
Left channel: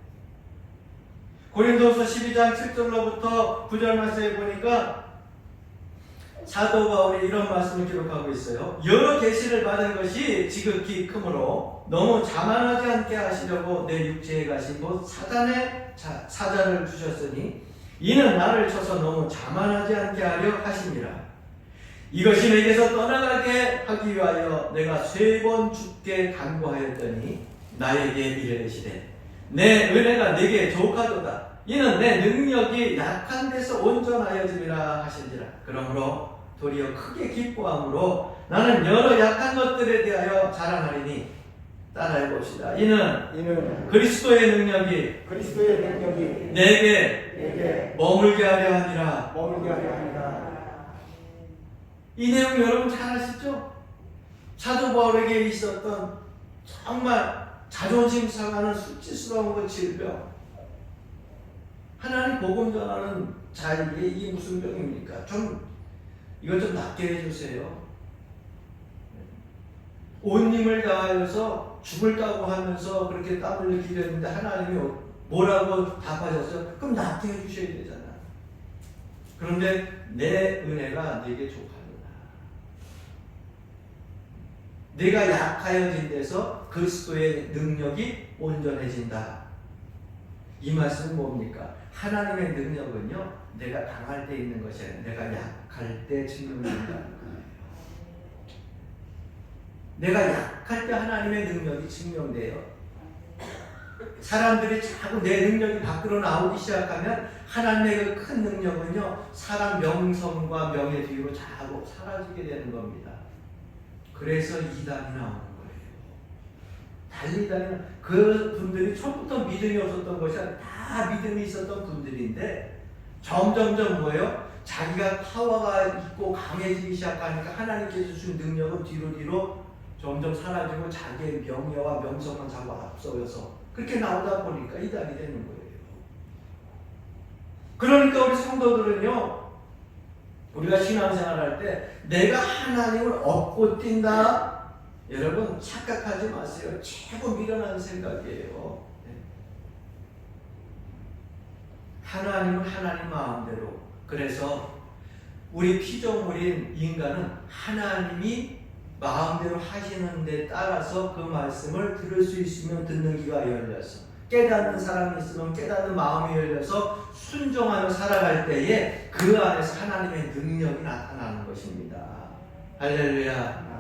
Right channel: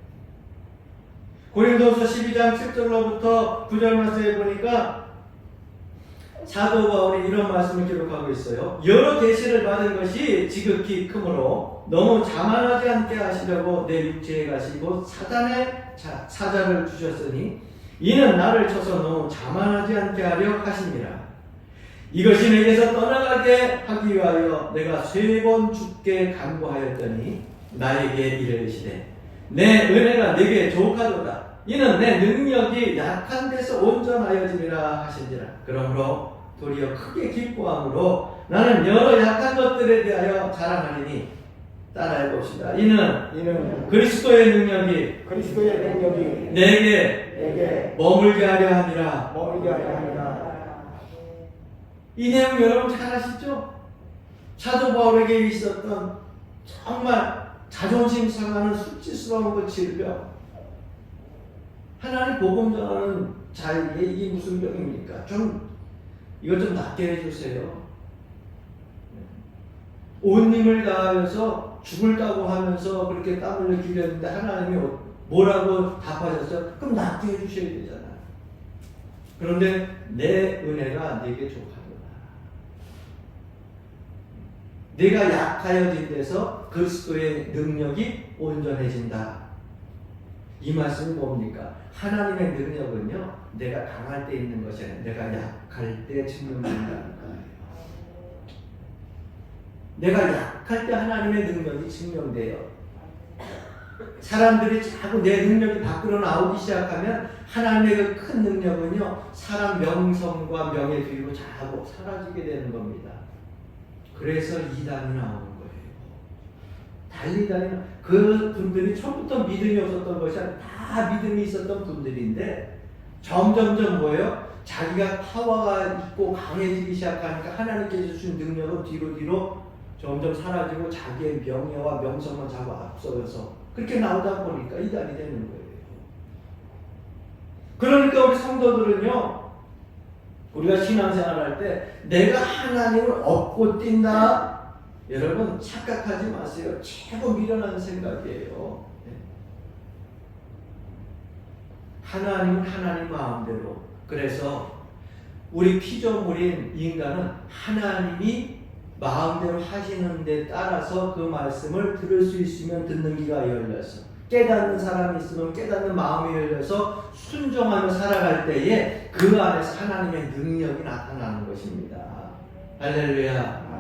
고린도서 12장 7절로부터 9절 말씀에 보니까 사도 바울이 이런 말씀을 기록하고 있어요. 여러 계시를 받은 것이 지극히 크므로 너무 자만하지 않게 하시려고 내 육체에 가신 곳 사단의 사자를 주셨으니 이는 나를 쳐서 너무 자만하지 않게 하려 하심이라. 이것이 내게서 떠나가게 하기 위하여 내가 3번 죽게 간구하였더니 나에게 이르시되 내 은혜가 내게 족하도다. 이는 내 능력이 약한 데서 온전하여지리라 하시니라. 그러므로 도리어 크게 기뻐함으로 나는 여러 약한 것들에 대하여 자랑하리니 따라해 봅시다. 이는 그리스도의 능력이 내게 머물게 하려 함이라. 이 내용 여러분 잘 아시죠? 사도 바울에게 있었던 정말 자존심 상하는 수치스러운 그 질병. 하나님 복음 전하는 자에게 이게 무슨 병입니까? 이것 좀 낫게 해주세요. 온 힘을 다하여서 죽을까고 하면서 그렇게 땀을 흘리는데 하나님이 뭐라고 답하셨어요? 그럼 낫게 해주셔야 되잖아요. 그런데 내 은혜가 내게 족하도다. 내가 약하여진 데서 그리스도의 능력이 온전해진다. 이 말씀은 뭡니까? 하나님의 능력은요, 내가 강할 때 있는 것이 아니라 내가 약할 때 증명된다는 거예요. 내가 약할 때 하나님의 능력이 증명돼요. 사람들이 자꾸 내 능력이 밖으로 나오기 시작하면 하나님의 그 큰 능력은요, 사람 명성과 명예 뒤로 자꾸 사라지게 되는 겁니다. 그래서 이단이 나오는 거예요. 달리다니는 그 분들이 처음부터 믿음이 없었던 것이 아니라 다 믿음이 있었던 분들인데 점점점 뭐예요? 자기가 파워가 있고 강해지기 시작하니까 하나님께서 주신 능력은 뒤로 점점 사라지고 자기의 명예와 명성을 자꾸 앞서서 그렇게 나오다 보니까 이단이 되는 거예요. 그러니까 우리 성도들은요, 우리가 신앙생활할 때 내가 하나님을 얻고 뛴다. 여러분 착각하지 마세요. 최고 미련한 생각이에요. 하나님은 하나님 마음대로. 그래서 우리 피조물인 인간은 하나님이 마음대로 하시는 데 따라서 그 말씀을 들을 수 있으면 듣는 귀가 열려서, 깨닫는 사람이 있으면 깨닫는 마음이 열려서 순종하며 살아갈 때에 그 안에서 하나님의 능력이 나타나는 것입니다. 할렐루야.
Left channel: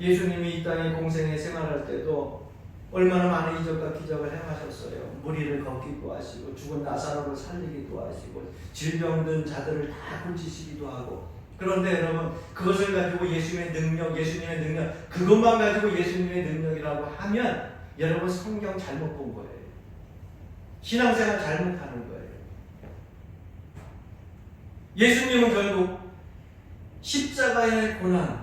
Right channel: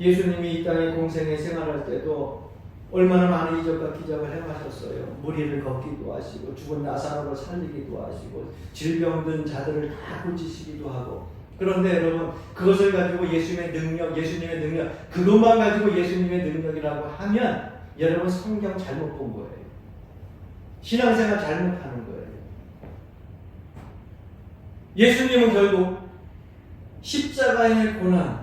예수님이 이 땅에 공생에 생활할 때도 얼마나 많은 이적과 기적을 행하셨어요. 무리를 걷기도 하시고 죽은 나사로를 살리기도 하시고 질병든 자들을 다 고치시기도 하고. 그런데 여러분, 그것을 가지고 예수님의 능력, 그것만 가지고 예수님의 능력이라고 하면 여러분 성경 잘못 본 거예요. 신앙생활 잘못하는 거예요. 예수님은 결국 십자가의 고난,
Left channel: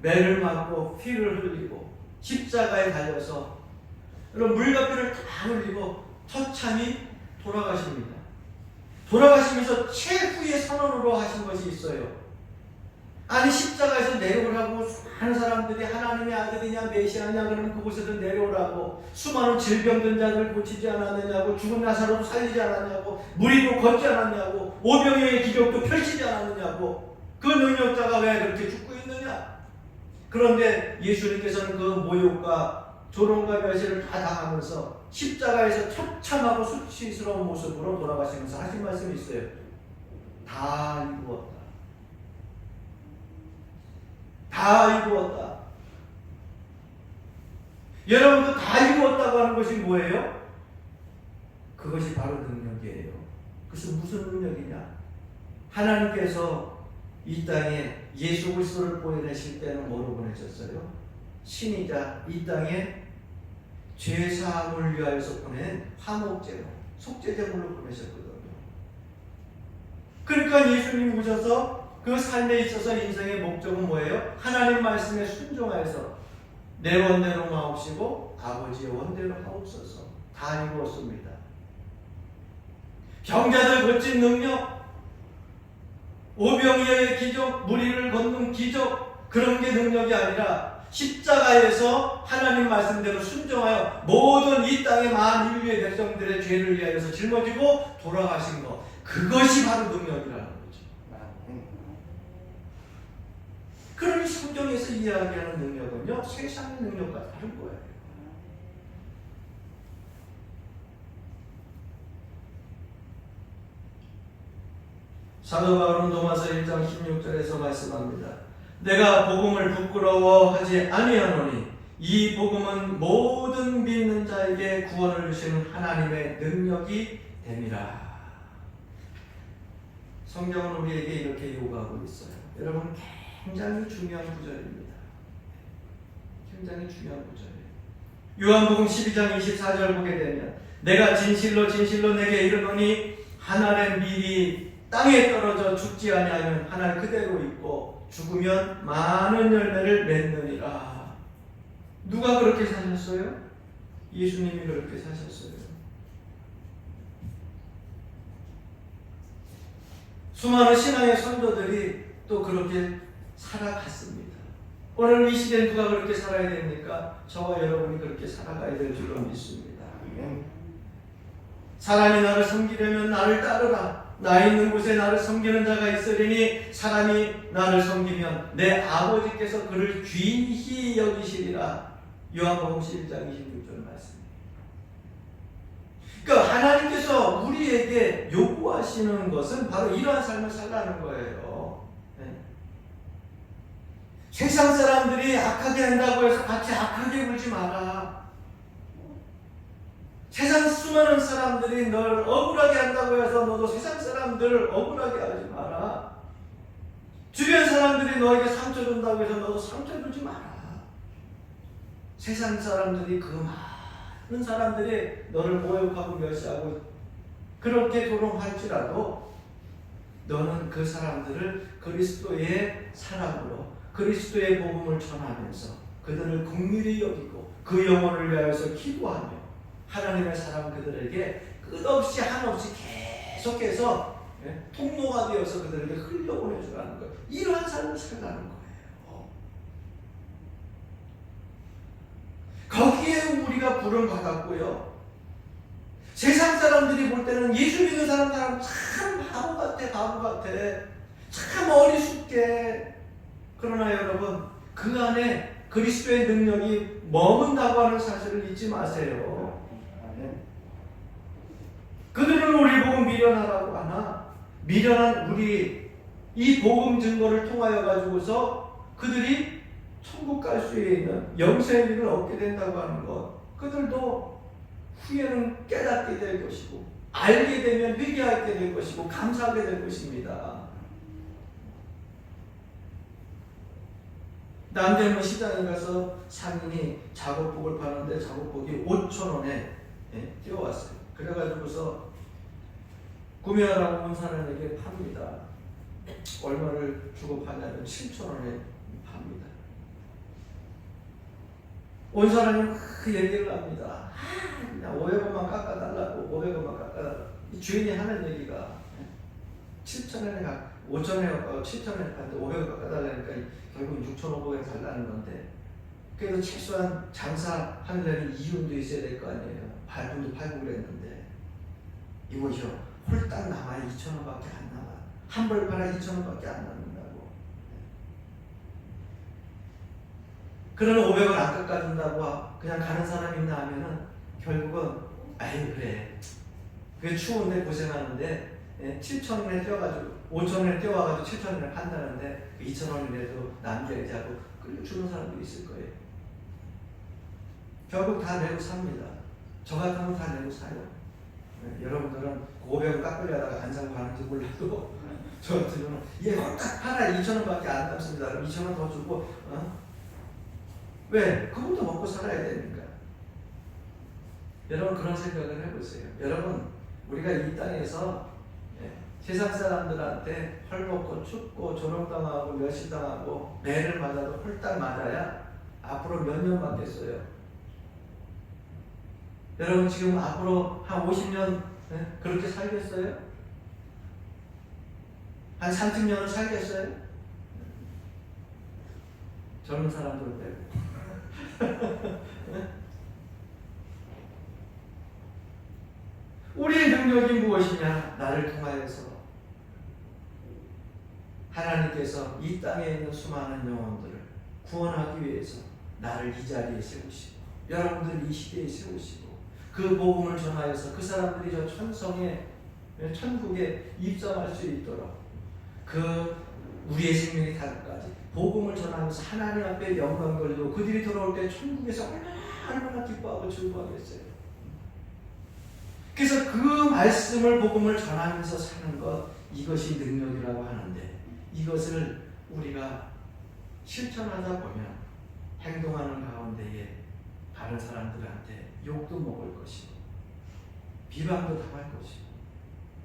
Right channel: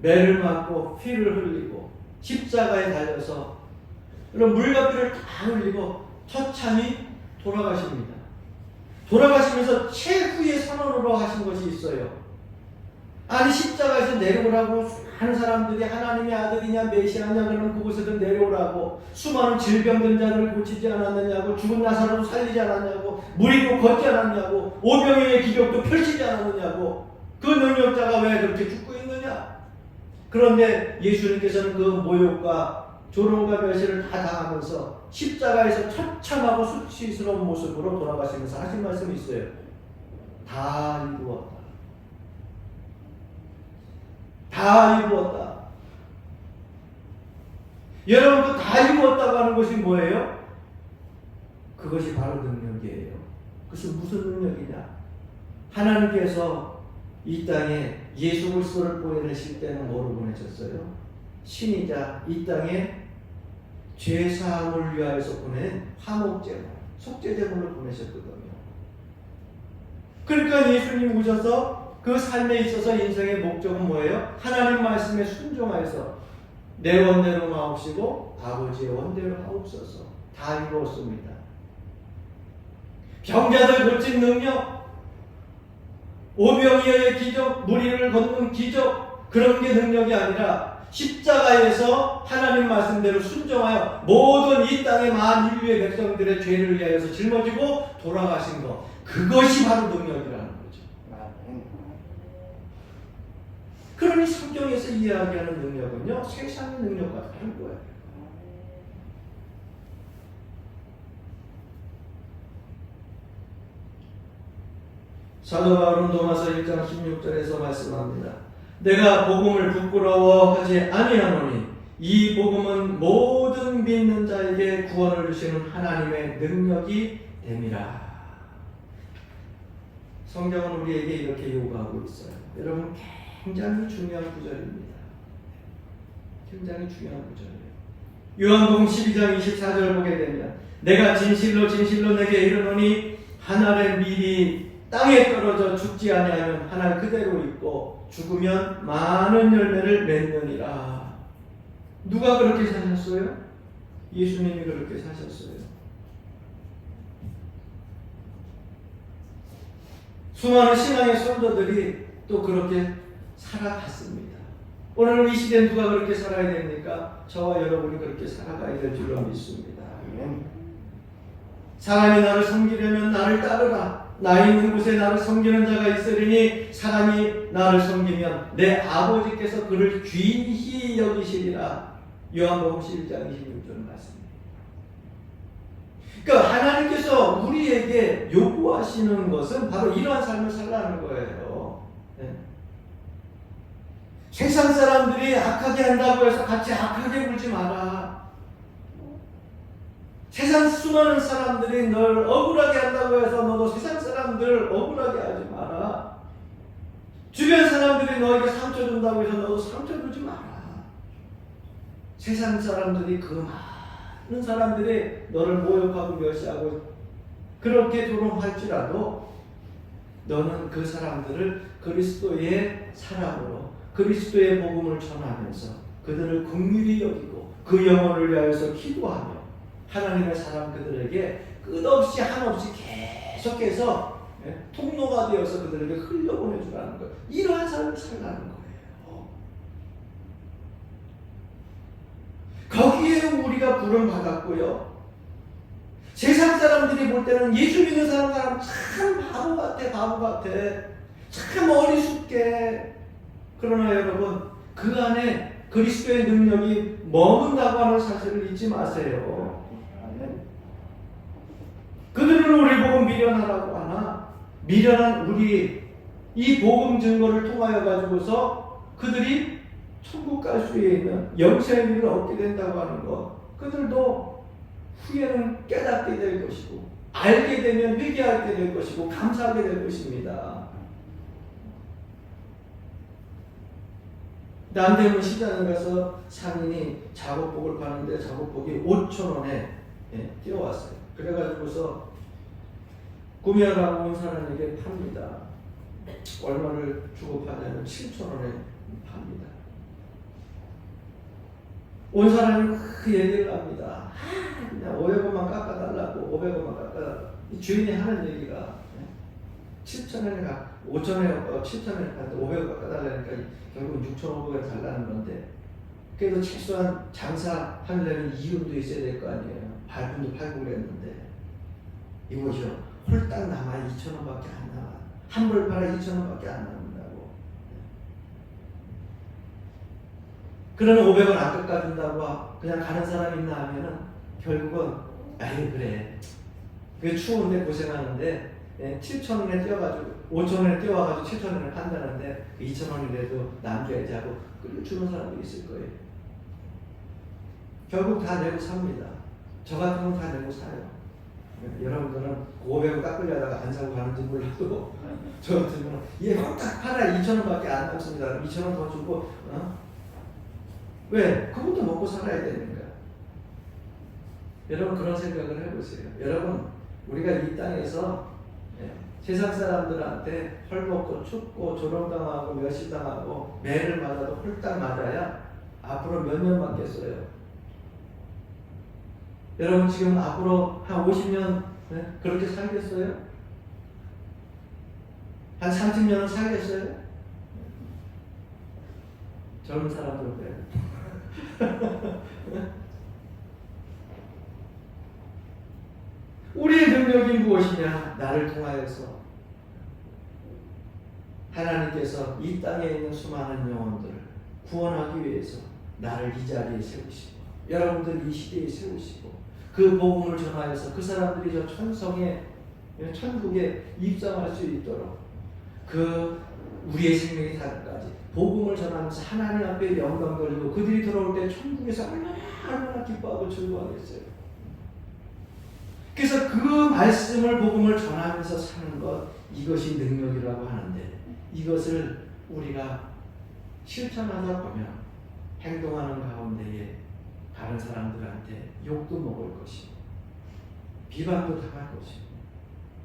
매를 맞고 피를 흘리고 십자가에 달려서 여러분 물과 피를 다 흘리고 처참히 돌아가십니다. 돌아가시면서 최후의 선언으로 하신 것이 있어요. 아니 십자가에서 내려오라고 많은 사람들이 하나님의 아들이냐 메시아냐 그러면 그곳에서 내려오라고, 수많은 질병든 자를 고치지 않았느냐고, 죽은 나사로도 살리지 않았냐고, 무리도 걷지 않았냐고, 오병이의 기적도 펼치지 않았느냐고, 그 능력자가 왜 그렇게 죽고 있느냐. 그런데 예수님께서는 그 모욕과 조롱과 멸시를 다 당하면서 십자가에서 처참하고 수치스러운 모습으로 돌아가시면서 하신 말씀이 있어요. 다 이루었다. 다 이루었다. 여러분, 그 다 이루었다고 하는 것이 뭐예요? 그것이 바로 능력이에요. 그것은 무슨 능력이냐? 하나님께서 이 땅에 예수 그리스도를 보내실 때는 뭐로 보내셨어요? 신이자 이 땅에 죄 사함을 위하여서 보낸 화목제물, 속죄제물로 보내셨거든요. 그러니까 예수님 오셔서 그 삶에 있어서 인생의 목적은 뭐예요? 하나님 말씀에 순종하여서 내 원대로 마옵시고 아버지의 원대로 하옵소서. 다 이루었습니다. 병자들 고친 능력, 오병이어의 기적, 무리를 걷는 기적, 그런 게 능력이 아니라 십자가에서 하나님 말씀대로 순종하여 모든 이 땅의 만 인류의 백성들의 죄를 위하여서 짊어지고 돌아가신 것, 그것이 바로 능력이라는 거죠. 그러니 성경에서 이야기하는 능력은요, 세상의 능력과 다른 거예요. 사도 바울은 로마서 1장 16절에서 말씀합니다. 내가 복음을 부끄러워하지 아니하노니 이 복음은 모든 믿는 자에게 구원을 주시는 하나님의 능력이 됨이라. 성경은 우리에게 이렇게 요구하고 있어요. 여러분, 굉장히 중요한 구절입니다. 굉장히 중요한 구절이에요. 요한복음 12장 24절 보게 되면 내가 진실로 진실로 내게 이르노니 한 알의 밀이 땅에 떨어져 죽지 아니하면 한 알 그대로 있고 죽으면 많은 열매를 맺느니라. 누가 그렇게 사셨어요? 예수님이 그렇게 사셨어요. 수많은 신앙의 선조들이 또 그렇게 살아갔습니다. 오늘 이 시대에 누가 그렇게 살아야 됩니까? 저와 여러분이 그렇게 살아가야 될 줄로 믿습니다. 사람이 나를 섬기려면 나를 따르라. 나 있는 곳에 나를 섬기는 자가 있으리니 사람이 나를 섬기면 내 아버지께서 그를 귀히 여기시리라. 요한복음 11장 26절 말씀입니다. 그러니까 하나님께서 우리에게 요구하시는 것은 바로 이러한 삶을 살라는 거예요. 네. 세상 사람들이 악하게 한다고 해서 같이 악하게 굴지 마라. 세상 수많은 사람들이 널 억울하게 한다고 해서 너도 세상 사람들을 억울하게 하지 마라. 주변 사람들이 너에게 상처 준다고 해서 너도 상처 주지 마라. 세상 사람들이 그 많은 사람들이 너를 모욕하고 멸시하고 그렇게 조롱할지라도 너는 그 사람들을 그리스도의 사랑으로 그리스도의 복음을 전하면서 그들을 긍휼히 여기고 그 영혼을 위하여서 기도하며 하나님의 사람 그들에게 끝없이 한없이 계속해서 통로가 되어서 그들에게 흘려보내주라는 거예요. 이러한 삶을 살라는 거예요. 거기에 우리가 부름 받았고요. 세상 사람들이 볼 때는 예수 믿는 사람 참 바보 같아. 참 어리숙해. 그러나 여러분, 그 안에 그리스도의 능력이 머문다고 하는 사실을 잊지 마세요. 그들은 우리 복음 미련하라고 하나, 미련한 우리 이 복음 증거를 통하여 가지고서 그들이 천국 갈 수 있는 영생의 길을 얻게 된다고 하는 것, 그들도 후에는 깨닫게 될 것이고 알게 되면 회개하게 될 것이고 감사하게 될 것입니다. 남대문 시장에 가서 상인이 작업복을 파는데 작업복이 5,000원에 뛰어왔어요. 그래가지고서 구매하라고 온 사람에게 팝니다. 얼마를 주고 파냐면 7,000원에 팝니다. 온 사람이 그 얘기를 합니다. 그냥 500원만 깎아달라고 500원만 깎아달라고. 주인이 하는 얘기가 7,000원에 5,000원에 7,000원에 파는데 500원 깎아달라니까 결국 6,500원 달라는 건데, 그래도 최소한 장사하려면 이윤도 있어야 될 거 아니에요. 발품도 팔고 그랬는데 이거죠. 홀딱 남아 2,000원밖에 안 남아. 한 벌 팔아 2,000원밖에 안 남는다고. 그러면 500원 안 깎아준다고 그냥 가는 사람 있나 하면은 결국은 아이 그래. 그게 추운데 고생하는데 7,000원에 뛰어가지고 5,000원에 뛰어와가지고 7,000원에 판다는데 그 2,000원이라도 남겨야지 하고 그리고 주는 사람도 있을 거예요. 결국 다 내고 삽니다. 저 같은 건 다 내고 사요. 여러분들은 500원 깎으려다가 안 사고 가는지 몰라도 저 같은 경우는 얘 딱 팔아 2,000원밖에 안 남습니다. 그럼 2,000원 더 주고 왜? 그것도 먹고 살아야 되니까. 여러분 그런 생각을 해보세요. 여러분 우리가 이 땅에서 세상 사람들한테 헐벗고 춥고 조롱당하고 멸시당하고 매를 맞아도 홀딱 맞아야 앞으로 몇 년 맞겠어요? 여러분 지금 앞으로 한 50년 그렇게 살겠어요? 한 30년은 살겠어요? 젊은 사람들은 빼고. 우리의 능력이 무엇이냐? 나를 통하여서 하나님께서 이 땅에 있는 수많은 영혼들을 구원하기 위해서 나를 이 자리에 세우시고 여러분들 이 시대에 세우시고 그 복음을 전하여서 그 사람들이 저 천성에 천국에 입성할 수 있도록 그 우리의 생명이 닿기까지 복음을 전하면서 하나님 앞에 영광 돌리고 그들이 돌아올 때 천국에서 얼마나 기뻐하고 즐거워하겠어요. 그래서 그 말씀을 복음을 전하면서 사는 것, 이것이 능력이라고 하는데, 이것을 우리가 실천하다 보면 행동하는 가운데에 다른 사람들한테 욕도 먹을 것이고 비방도 당할 것이고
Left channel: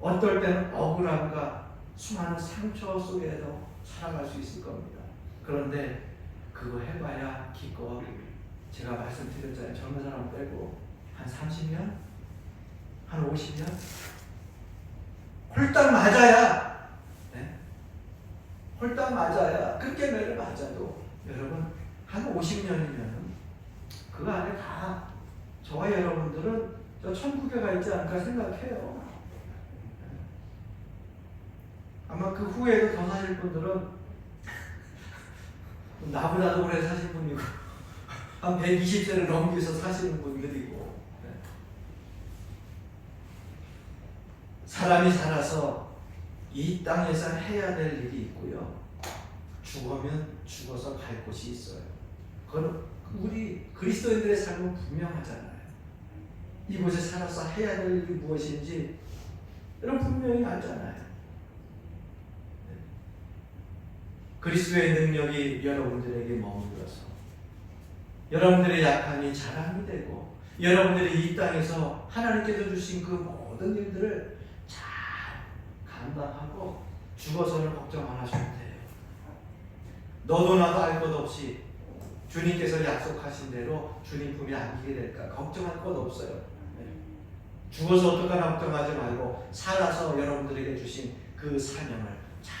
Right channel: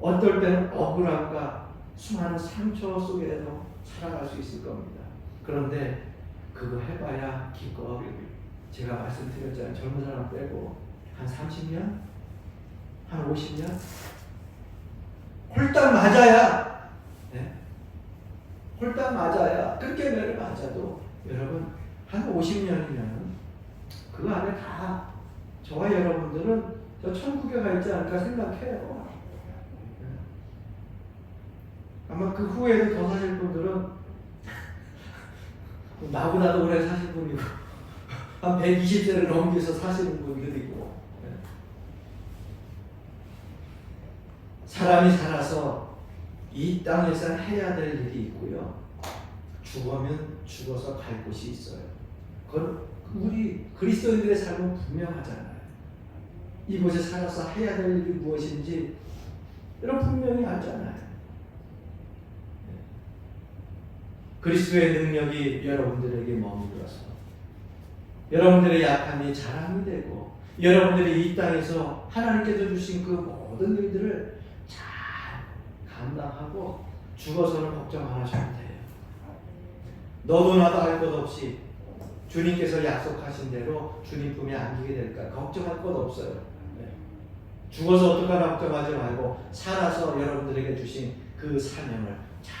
어떨 때는 억울함과 수많은 상처 속에도 살아갈 수 있을 겁니다. 그런데 그거 해봐야 기껏, 제가 말씀드렸잖아요. 젊은 사람 빼고 한 30년? 한 50년? 홀딱 맞아야, 네? 홀딱 맞아야, 끝개매를 맞아도 여러분 한 50년이면 그 안에 다 저와 여러분들은 저 천국에 가 있지 않을까 생각해요. 아마 그 후에도 더 사실 분들은 나보다도 오래 사실 분이고 한 120세를 넘겨서 사시는 분들이고, 사람이 살아서 이 땅에서 해야 될 일이 있고요. 죽으면 죽어서 갈 곳이 있어요. 그건 우리 그리스도인들의 삶은 분명하잖아요. 이곳에 살아서 해야 될 일이 무엇인지 여러분 분명히 알잖아요. 그리스도의 능력이 여러분들에게 머물러서 여러분들의 약함이 자랑이 되고 여러분들이 이 땅에서 하나님께서 주신 그 모든 일들을 잘 감당하고 죽어서는 걱정 안 하셔도 돼요. 너도 나도 알 것 없이 주님께서 약속하신 대로 주님 품에 안기게 될까 걱정할 것 없어요. 죽어서 어떡하나 걱정하지 말고 살아서 여러분들에게 주신 그 사명을 잘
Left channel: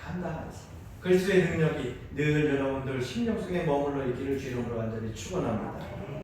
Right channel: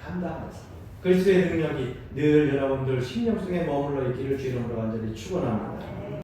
감당하세요. 그리스도의 능력이 늘 여러분들 심령 속에 머물러 있기를 주님으로 간절히 축원합니다.